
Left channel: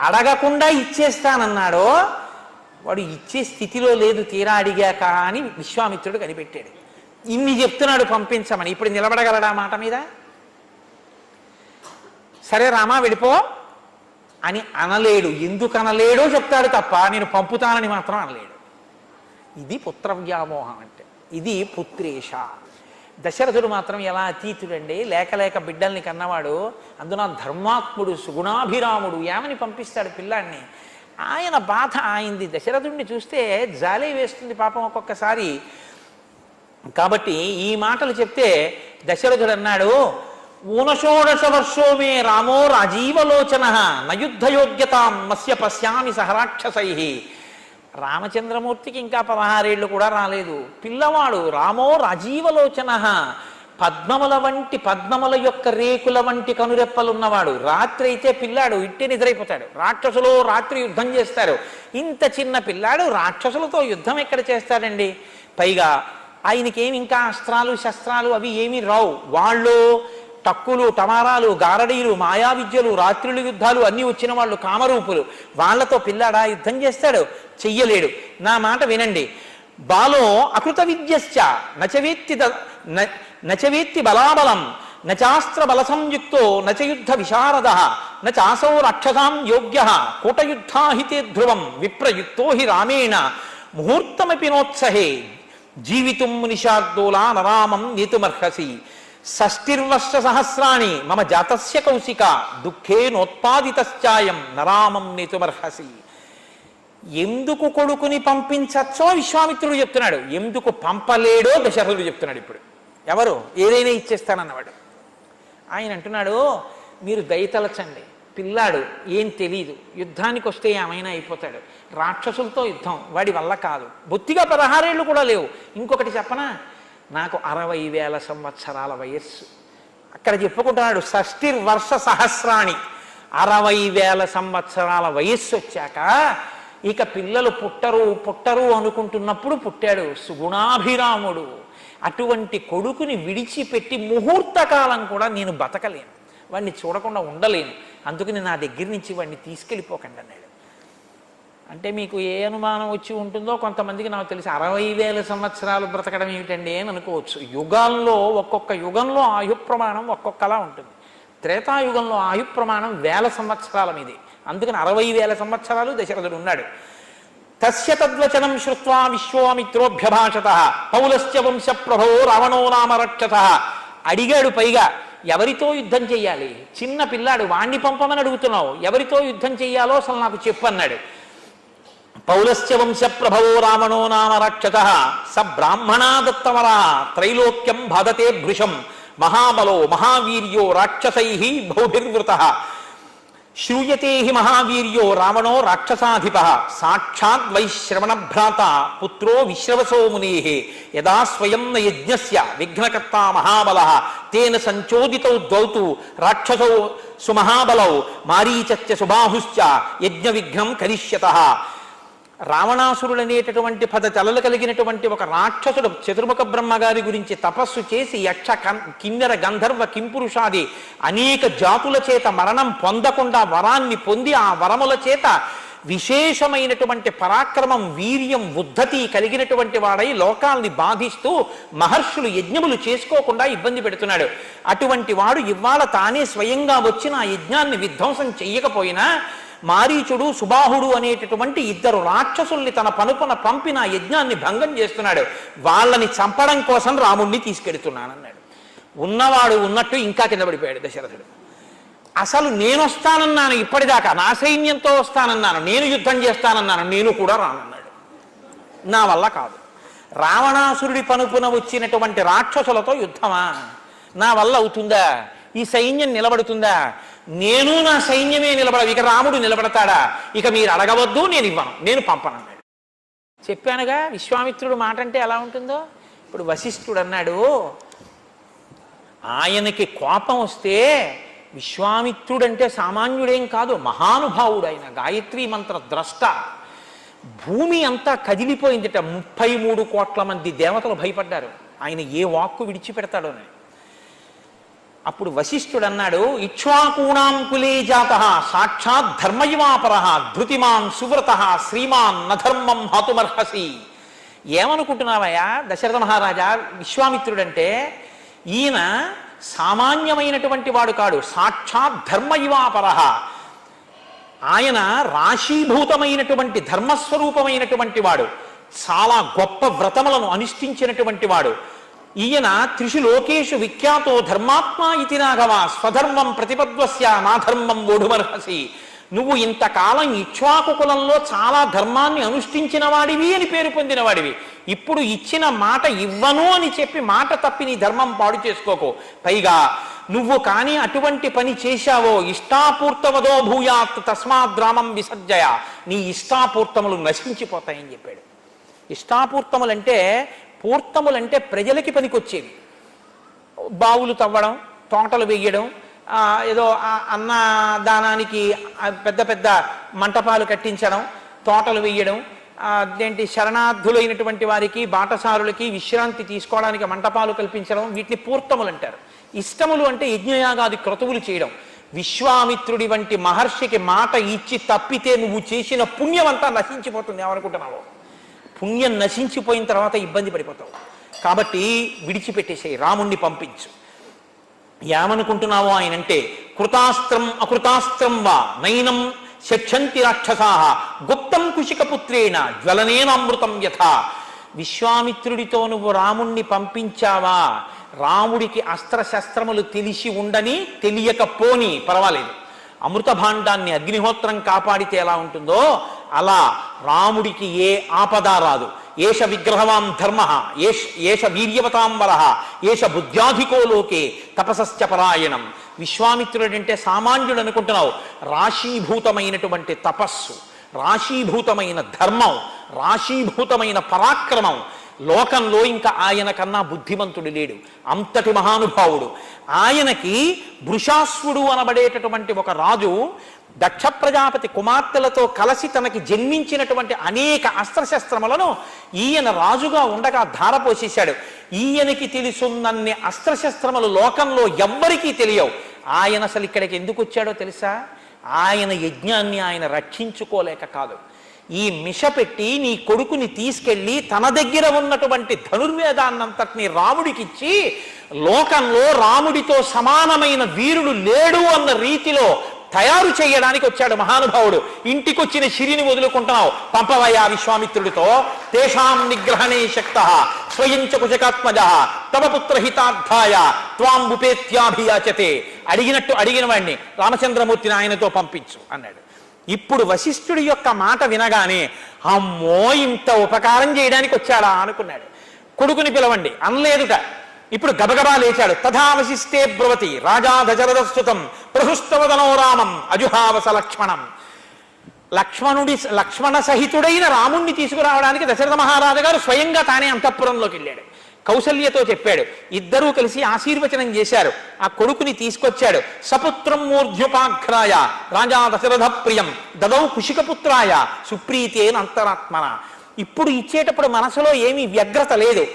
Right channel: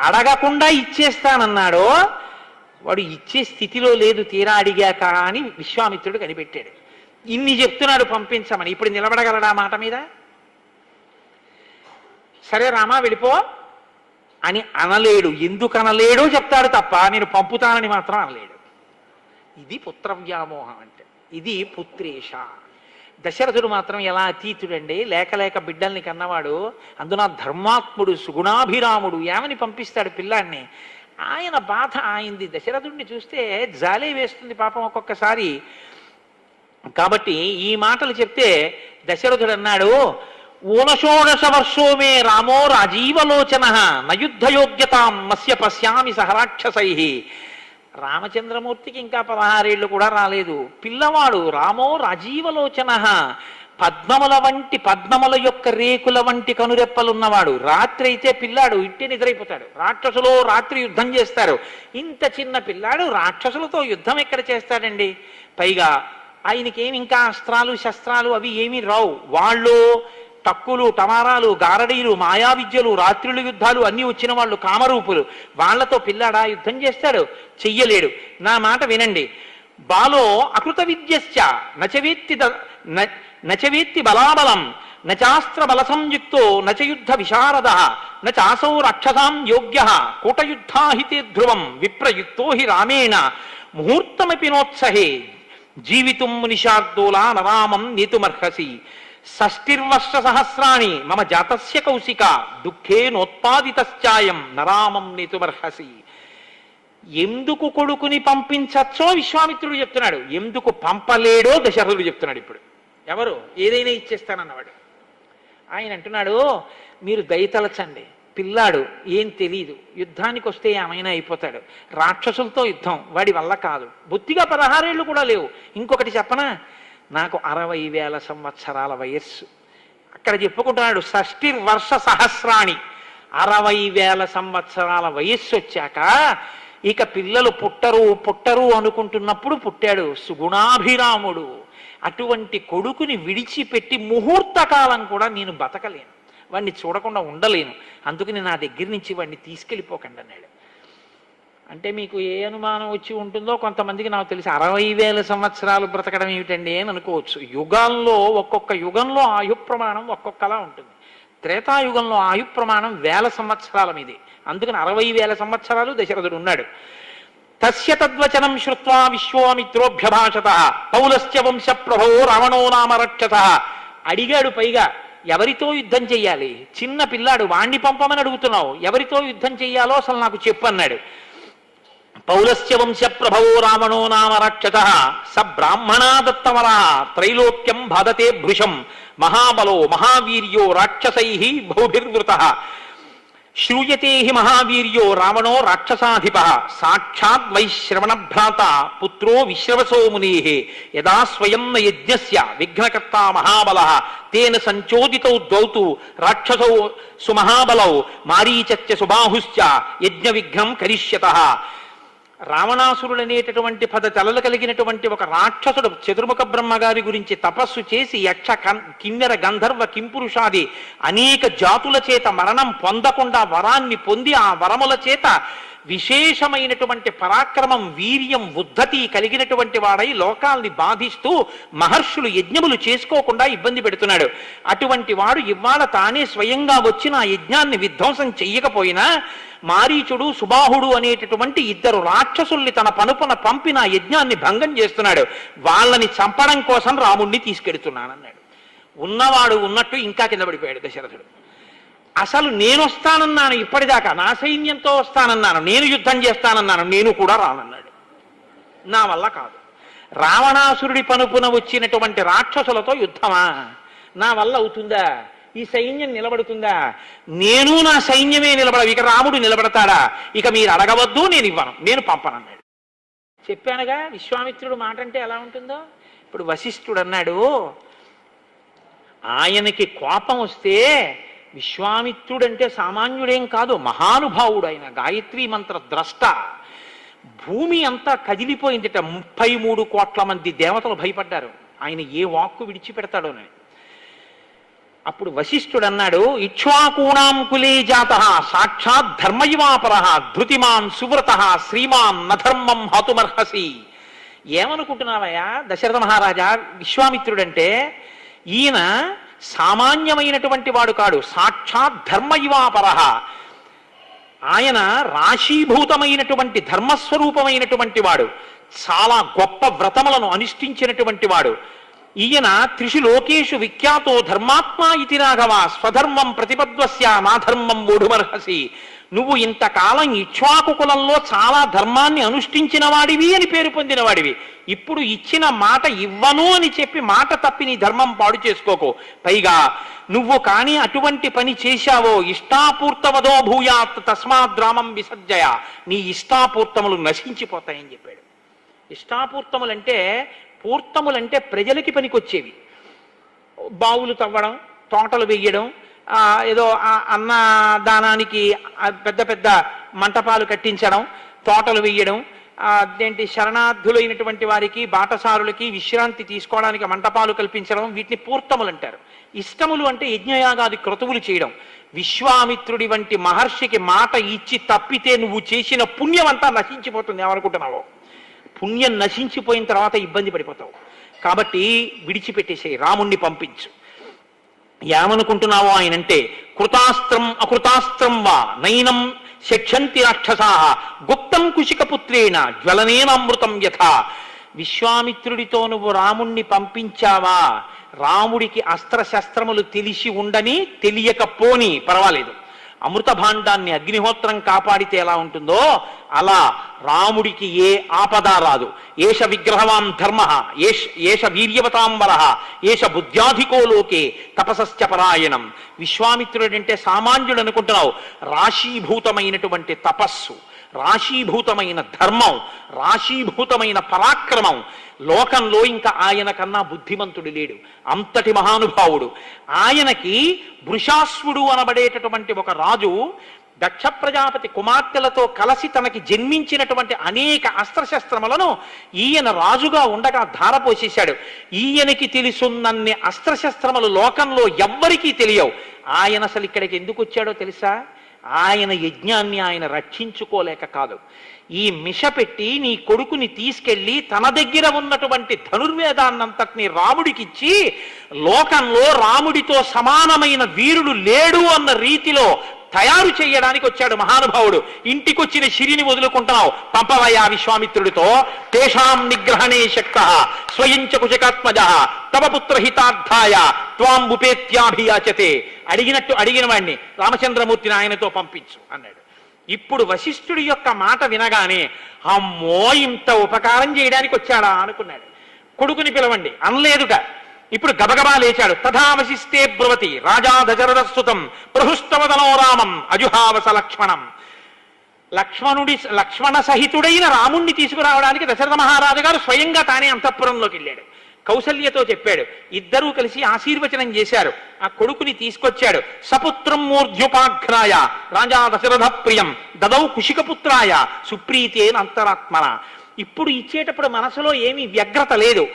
అడగకుండా ఇచ్చేస్తానన్నాడో వాడు ఇచ్చే స్థితిలో లేదు తీరా అడిగాక అని విశ్వామిత్రుడు కనిపెట్టాడు. ఇన్ని చెప్తున్నాడు పంపించమని, ఇప్పుడు నిలబడగలడా మాట మీద? సరే రామా వెళ్ళిపో అని అనలేడు. ఎందుకు అనలేడో చెప్తాడు తప్ప నేను పంపుతానని మాత్రం అనలేడు. ఇది పుత్ర వ్యామోహం అంటే, ఇది పుత్రేష. దశరథుడు మాత్రం ఎలా అతీతుడండి, లేక బిడ్డల్ని కన్నవాడు, అందున ధర్మాత్ముడు సుగుణాభిరాముడు, ఏమని పంపిస్తాడు పిల్లాన్ని? ఆయన బాధ ఆయింది. దశరథుడిని చూస్తే జాలే వేస్తుంది పాపం ఒక్కొక్కసారి. కాబట్టి ఈ మాటలు చెప్తే దశరథుడు అన్నాడు, ఊనషోడశ వర్షో మే రామో రాజీవలోచన నయుద్ధయోగ్యతాం మస్య పశ్యామి సహరాక్షసై. రామచంద్రమూర్తికి ఇంకా 16 ఏళ్ళు కూడా రాలేదు. పిల్లవాడు రామో రాజీవలోచన, పద్మముల యొక్క రేకుల వంటి కనురెప్పలున్నవాడు. రాత్రి అయితే పిల్లాడు ఇట్టే నిద్రైపోతాడు. రాక్షసులు రాత్రి యుద్ధం చేస్తారు. ఇంత చిన్న పిల్లాడు రాక్షసులతో యుద్ధం ఎక్కడ చేస్తాడండి? పైగా ఆయనకేమి ఇంకా అస్త్రాలు శస్త్రాలు అవి ఏమీ రావు. వాళ్ళు టక్కులు టమారాలు గారడీలు మాయా విద్యలు రాత్రుల యుద్ధాలు అన్నీ వచ్చిన వాళ్ళు కామరూపులు. వాళ్లతో పిల్లాడా యుద్ధం చేస్తాడు? చెయ్యలేడు. నా మాట వినండి. బాలో అకృత విద్యశ్చ నచవేత్తి బలాబలం నచాస్త్ర బల సంయుక్తో నచయుద్ధ విశారద నచాసౌ రక్షసాం యోగ్య కూటయుద్ధాహితే ధ్రువం విప్రయుక్తో హి రామేణ ముహూర్తమపి నోత్సహే జీవితుం మునిషార్దూలా నరామం నేతుమర్హసి. షష్టిర్వర్ష సహస్రాణి మమ జాతస్య కౌశిక దుఃఖే నోత్పాదితశ్చాయం నరామం నేతుమర్హసి. ఎందుకు కొడుకుని పంపించచ్చో విశ్వామిత్రుడు చెప్తున్నాడు, ఎందుకు పంపలేడో దశరథుడు చెప్తున్నాడు. ఇప్పుడు ఏదైనా ఇచ్చేస్తానన్నవాడు. ఆయన అంటున్నాడు, మీరు దయతలచండి, పిల్లాడు ఏం తెలీదు, యుద్ధానికి వస్తే ఏమైనా అయిపోతాడు. రాక్షసులతో యుద్ధం వాడి వల్ల కాదు. బొత్తిగా 16 ఏళ్ళు కూడా లేవు. ఇంకొకటి చెప్పనా, నాకు 60,000 సంవత్సరాల వయస్సు. అక్కడ చెప్పుకుంటున్నాడు షష్టిర్వర్ష సహస్రాణి, 60,000 సంవత్సరాల వయస్సు వచ్చాక ఇక పిల్లలు పుట్టరు అనుకుంటున్నప్పుడు పుట్టాడు సుగుణాభిరాముడు. అటువంటి కొడుకుని విడిచిపెట్టి ముహూర్త కాలం కూడా నేను బతకలేను, వాడిని చూడకుండా ఉండలేను, అందుకని నా దగ్గర నుంచి వాడిని తీసుకెళ్ళిపోకండి అన్నాడు. అంటే మీకు ఏ అనుమానం వచ్చి ఉంటుందో, కొంతమందికి నాకు తెలిసి 60,000 సంవత్సరాలు బ్రతకడం ఏమిటండి అని అనుకోవచ్చు. యుగాల్లో ఒక్కొక్క యుగంలో ఆయు ప్రమాణం ఒక్కొక్కలా ఉంటుంది. త్రేతాయుగంలో ఆయు ప్రమాణం 1000 సంవత్సరాల మీది. అందుకని 60,000 సంవత్సరాలు దశరథుడు ఉన్నాడు. తస్య తద్వచనం శ్రుత్వా విశ్వామిత్రోభ్యభాషత పౌలస్య వంశ ప్రభో రావణో నామ రక్షత. అడిగాడు. పైగా ఎవరితో యుద్ధం చెయ్యాలి? చిన్న పిల్లాడు, వాణ్ణి పంపమని అడుగుతున్నావు, ఎవరితో యుద్ధం చెయ్యాలో అసలు నాకు చెప్పు అన్నాడు. పౌలస్య వంశ ప్రభవో రావణో నామ రక్షత స బ్రాహ్మణా దత్తవర త్రైలోక్యం బాధతే భృశం మహాబలో మహావీర్యో రాక్షసై బహుభిర్వృత శ్రూయతే హి మహావీర్యో రావణో రాక్షసాధిప సాక్షాత్ వైశ్రవణ భ్రాత పుత్రో విశ్రవసో మునే యదా స్వయం న యజ్ఞస్య విఘ్నకర్త మహాబల తేన సంచోదితౌ ద్వౌతు రాక్షసౌ సుమహాబలౌ మారీచత్య సుబాహుశ్చ యజ్ఞ విఘ్నం కరిష్యతః. రావణాసురుడు అనేటటువంటి 10 తలలు కలిగినటువంటి ఒక రాక్షసుడు చతుర్ముఖ బ్రహ్మగారి గురించి తపస్సు చేసి యక్ష కిన్నెర గంధర్వ కింపురుషాది అనేక జాతుల చేత మరణం పొందకుండా వరాన్ని పొంది ఆ వరముల చేత విశేషమైనటువంటి పరాక్రమం వీర్యం ఉద్ధతి కలిగినటువంటి వాడై లోకాల్ని బాధిస్తూ మహర్షులు యజ్ఞములు చేసుకోకుండా ఇబ్బంది పెడుతున్నాడు. అటువంటి వాడు ఇవాళ తానే స్వయంగా వచ్చి నా యజ్ఞాన్ని విధ్వంసం చెయ్యకపోయినా మారీచుడు సుబాహుడు అనేటటువంటి 2 రాక్షసుల్ని తన పనుపున పంపి నా యజ్ఞాన్ని భంగం చేస్తున్నాడు. వాళ్ళని చంపడం కోసం రాముణ్ణి తీసుకెడుతున్నానన్నాడు. ఉన్నవాడు ఉన్నట్టు ఇంకా కింద పడిపోయాడు దశరథుడు. అసలు నేను వస్తానన్నాను, ఇప్పటిదాకా నా సైన్యంతో వస్తానన్నాను, నేను యుద్ధం చేస్తానన్నాను, నేను కూడా రానన్నాడు. నా వల్ల కాదు. రావణాసురుడి పనుపున వచ్చినటువంటి రాక్షసులతో యుద్ధమా? నా వల్ల అవుతుందా? ఈ సైన్యం నిలబడుతుందా? నేను నా సైన్యమే నిలబడవు, ఇక రాముడు నిలబడతాడా, ఇక మీరు అడగవద్దు, నేను ఇవ్వను, నేను పంపనన్నాడు. చెప్పానుగా విశ్వామిత్రుడు మాట అంటే ఎలా ఉంటుందో. ఇప్పుడు వశిష్ఠుడు అన్నాడు, ఆయనకి కోపం వస్తే విశ్వామిత్రుడు అంటే సామాన్యుడేం కాదు, మహానుభావుడు ఆయన, గాయత్రీ మంత్ర ద్రష్ట. భూమి అంతా కదిలిపోయిందిట, 33 కోట్ల మంది దేవతలు భయపడ్డారు ఆయన ఏ వాక్కు విడిచిపెడతాడోనని. అప్పుడు వశిష్ఠుడు అన్నాడు, ఇక్ష్వాకూణాం కులే జాత సాక్షాత్ ధర్మయువాపర ధృతిమాన్ సువ్రత శ్రీమాన్ నధర్మం హతుమర్హసి. ఏమనుకుంటున్నావయ్యా దశరథ మహారాజా, విశ్వామిత్రుడంటే ఈయన సామాన్యమైనటువంటి వాడు కాడు, సాక్షాత్ ధర్మయువాపర. ఆయన రాశీభూతమైనటువంటి ధర్మస్వరూపమైనటువంటి వాడు, చాలా గొప్ప వ్రతములను అనుష్ఠించినటువంటి వాడు. ఈయన త్రిషు లోకేషు విఖ్యాతో ధర్మాత్మా ఇతి రాఘవ స్వధర్మం ప్రతిపద్వస్య నాధర్మం ఓఢుమర్హసి. నువ్వు ఇంతకాలం ఇక్ష్వాకు కులంలో చాలా ధర్మాన్ని అనుష్ఠించిన వాడివి అని పేరు పొందిన వాడివి. ఇప్పుడు ఇచ్చిన మాట ఇవ్వను అని చెప్పి మాట తప్పి నీ ధర్మం పాడు చేసుకోకు. పైగా నువ్వు కానీ అటువంటి పని చేశావో ఇష్టాపూర్తవదో భూయాత్ తస్మాద్రామం విసర్జయ, నీ ఇష్టాపూర్తములు నశించిపోతాయని చెప్పాడు. ఇష్టాపూర్తములంటే, పూర్తములంటే ప్రజలకి పనికొచ్చేవి. బావులు తవ్వడం, తోటలు వేయడం, ఏదో అన్నదానానికి పెద్ద పెద్ద మంటపాలు కట్టించడం, తోటలు వేయడం, అదేంటి శరణార్థులైనటువంటి వారికి బాటసారులకి విశ్రాంతి తీసుకోవడానికి మంటపాలు కల్పించడం, వీటిని పూర్తములు అంటారు. ఇష్టములు అంటే యజ్ఞయాగాది క్రతువులు చేయడం. విశ్వామిత్రుడి వంటి మహర్షికి మాట ఇచ్చి తప్పితే నువ్వు చేసిన పుణ్యం అంతా నశించిపోతుంది. ఏమనుకుంటున్నావు? పుణ్యం నశించిపోయిన తర్వాత ఇబ్బంది పడిపోతావు. కాబట్టి విడిచిపెట్టేసేయి, రాముణ్ణి పంపించు. ఏమనుకుంటున్నావో ఆయనంటే, కృతాస్త్రం అకృతాస్త్రం వా నైనం శక్షంతి రాక్షసాః గుప్తం కుశికపుత్రేణ జ్వలనేనామృతం యథా. విశ్వామిత్రుడితో నువ్వు రాముణ్ణి పంపించావా, రాముడికి అస్త్రశస్త్రములు తెలిసి ఉండని తెలియకపోని పర్వాలేదు, అమృత భాండాన్ని అగ్నిహోత్రం కాపాడితే ఎలా ఉంటుందో అలా రాముడికి ఏ ఆపద రాదు. ఏష విగ్రహవాన్ ధర్మ, ఏష వీర్యవతాం వరః, ఏష బుద్ధ్యాధికో లోకే తపసశ్చ పరాయణం. విశ్వామిత్రుడంటే సామాన్యుడు అనుకుంటున్నావు, రాశీభూతమైనటువంటి తపస్సు, రాశీభూతమైన ధర్మం, రాశీభూతమైన పరాక్రమం. లోకంలో ఇంకా ఆయన కన్నా బుద్ధిమంతుడు లేడు, అంతటి మహానుభావుడు. ఆయనకి వృషాశ్వుడు అనబడేటటువంటి ఒక రాజు దక్ష ప్రజాపతి కుమార్తెలతో కలిసి తనకి జన్మించినటువంటి అనేక అస్త్రశస్త్రములను ఈయన రాజుగా ఉండగా ధారపోసేశాడు. ఈయనకి తెలుసున్నన్ని అస్త్రశస్త్రములు లోకంలో ఎవ్వరికీ తెలియవు. ఆయన అసలు ఇక్కడికి ఎందుకు వచ్చాడో తెలుసా? ఆయన యజ్ఞాన్ని ఆయన రక్షించుకోలేక కాదు. ఈ మిష పెట్టి నీ కొడుకుని తీసుకెళ్లి తన దగ్గర ఉన్నటువంటి ధనుర్వేదాన్నంతటిని రాముడికిచ్చి లోకంలో రాముడితో సమానమైన వీరుడు లేడు అన్న రీతిలో తయారు చేయడానికి వచ్చాడు మహానుభావుడు. ఇంటికొచ్చిన శిరిని వదులుకుంటావు, పంపవయ్యా విశ్వామిత్రుడితో. తేషాం నిగ్రహణే శక్తః స్వయంచ కుశకాత్మజః తవ పుత్ర హితార్థాయ త్వాం ఉపేత్యాభియాచతే. అడిగినట్టు అడిగిన వాడిని రామచంద్రమూర్తిని ఆయనతో పంపించు అన్నాడు. ఇప్పుడు వశిష్ఠుడి యొక్క మాట వినగానే అమ్మో ఇంత ఉపకారం చేయడానికి వచ్చాడా అనుకున్నాడు. కొడుకుని పిలవండి అనలేదుట. ఇప్పుడు గబగబా లేచాడు. తథా వశిష్ఠే బ్రువతి రాజా దశరథస్తుతం ప్రహృష్టవదనో రామం అజుహావస లక్ష్మణం. లక్ష్మణ సహితుడైన రాముణ్ణి తీసుకురావడానికి దశరథ మహారాజు గారు స్వయంగా తానే అంతఃపురంలోకి వెళ్ళాడు. కౌసల్యతో చెప్పాడు. ఇద్దరూ కలిసి ఆశీర్వచనం చేశారు. ఆ కొడుకుని తీసుకొచ్చాడు. సపుత్రం మూర్ధ్యుపాఘ్రాయ రాజా దశరథ ప్రియం దదౌ కుశికపుత్రాయ సుప్రీతేన అంతరాత్మన. ఇప్పుడు ఇచ్చేటప్పుడు మనసులో ఏమీ వ్యగ్రత లేదు,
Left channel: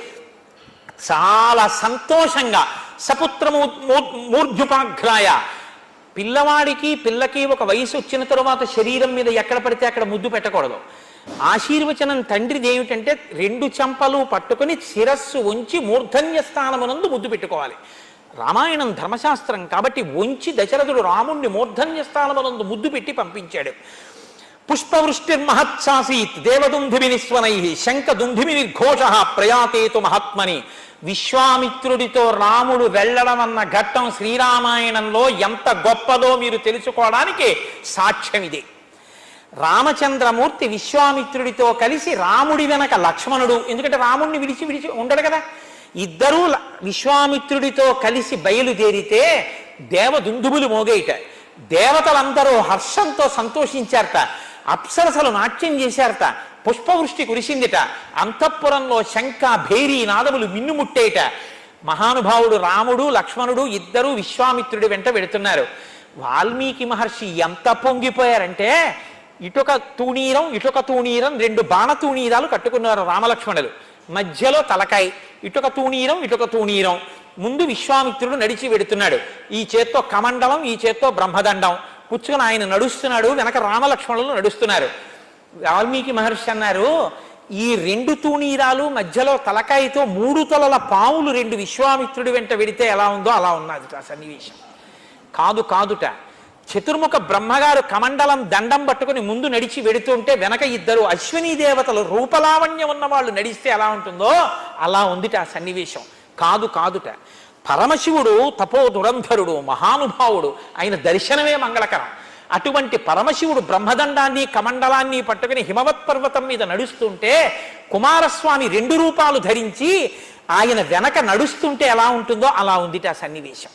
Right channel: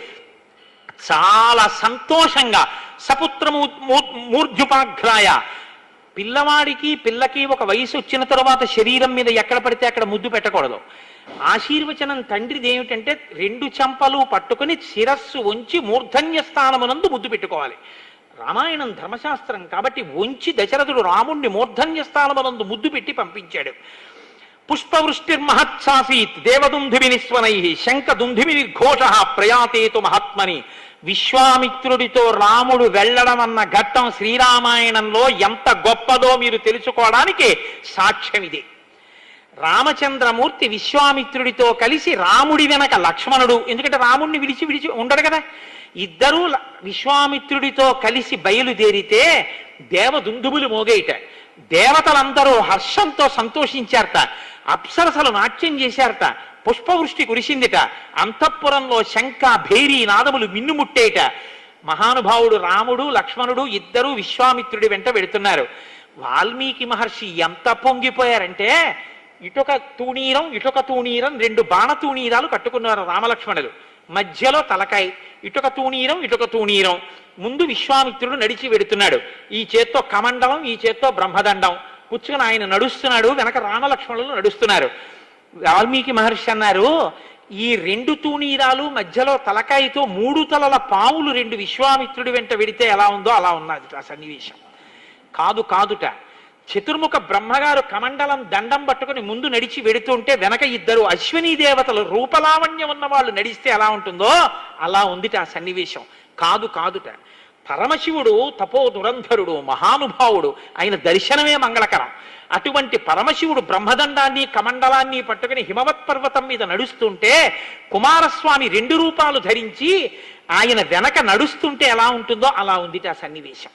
చాలా సంతోషంగా. సపుత్రము మూర్ధ్యుపాఘ్రాయ, పిల్లవాడికి పిల్లకి ఒక వయసు వచ్చిన తరువాత శరీరం మీద ఎక్కడ పడితే అక్కడ ముద్దు పెట్టకూడదు. ఆశీర్వచనం తండ్రిది ఏమిటంటే 2 చెంపలు పట్టుకొని శిరస్సు ఉంచి మూర్ధన్య స్థానమునందు ముద్దు పెట్టుకోవాలి. రామాయణం ధర్మశాస్త్రం కాబట్టి ఉంచి దశరథుడు రాముణ్ణి మూర్ధన్య స్థానమునందు ముద్దు పెట్టి పంపించాడు. పుష్పవృష్టిర్మహత్సాసీత్ దేవదుంధిమి నిస్వనై శంఖదుంధిమి నిర్ఘోష ప్రయాతేతు మహాత్మని. విశ్వామిత్రుడితో రాముడు వెళ్ళడం అన్న ఘట్టం శ్రీరామాయణంలో ఎంత గొప్పదో మీరు తెలుసుకోవడానికి సాక్ష్యం ఇది. రామచంద్రమూర్తి విశ్వామిత్రుడితో కలిసి రాముడి వెనక లక్ష్మణుడు, ఎందుకంటే రాముడిని విడిచి ఉండడు కదా, ఇద్దరూ విశ్వామిత్రుడితో కలిసి బయలుదేరితే దేవదుందుబులు మోగేట. దేవతలందరూ హర్షంతో సంతోషించారట, అప్సరసలు నాట్యం చేశారట, పుష్పవృష్టి కురిసిందిట, అంతఃపురంలో శంఖ భేరీ నాదములు మిన్నుముట్టేట. మహానుభావుడు రాముడు లక్ష్మణుడు ఇద్దరు విశ్వామిత్రుడి వెంట వెడుతున్నారు. వాల్మీకి మహర్షి ఎంత పొంగిపోయారంటే ఇటొక తూణీరం ఇటొక తూణీరం, రెండు బాణ తూణీరాలు కట్టుకున్నారు రామలక్ష్మణులు. మధ్యలో తలకాయ, ఇటొక తూణీరం ఇటొక తూణీరం. ముందు విశ్వామిత్రుడు నడిచి వెడుతున్నాడు, ఈ చేత్తో కమండలం ఈ చేత్తో బ్రహ్మదండం పుచ్చుకుని ఆయన నడుస్తున్నాడు, వెనక రామలక్ష్మణులు నడుస్తున్నారు. వాల్మీకి మహర్షి అన్నారు, ఈ రెండు తూణీరాలు మధ్యలో తలకాయతో మూడు తలల పావులు రెండు విశ్వామిత్రుడి వెంట వెడితే ఎలా ఉందో అలా ఉన్నది ఆ సన్నివేశం. కాదుట, చతుర్ముఖ బ్రహ్మగారు కమండలం దండం పట్టుకుని ముందు నడిచి వెడుతుంటే వెనక ఇద్దరు అశ్వినీ దేవతలు రూపలావణ్యం ఉన్న వాళ్ళు నడిస్తే ఎలా ఉంటుందో అలా ఉందిట ఆ సన్నివేశం. కాదుట, పరమశివుడు తపో దురంధరుడు మహానుభావుడు, ఆయన దర్శనమే మంగళకరం. అటువంటి పరమశివుడు బ్రహ్మదండాన్ని కమండలాన్ని పట్టుకుని హిమవత్ పర్వతం మీద నడుస్తుంటే కుమారస్వామి రెండు రూపాలు ధరించి ఆయన వెనక నడుస్తుంటే ఎలా ఉంటుందో అలా ఉందిట ఆ సన్నివేశం.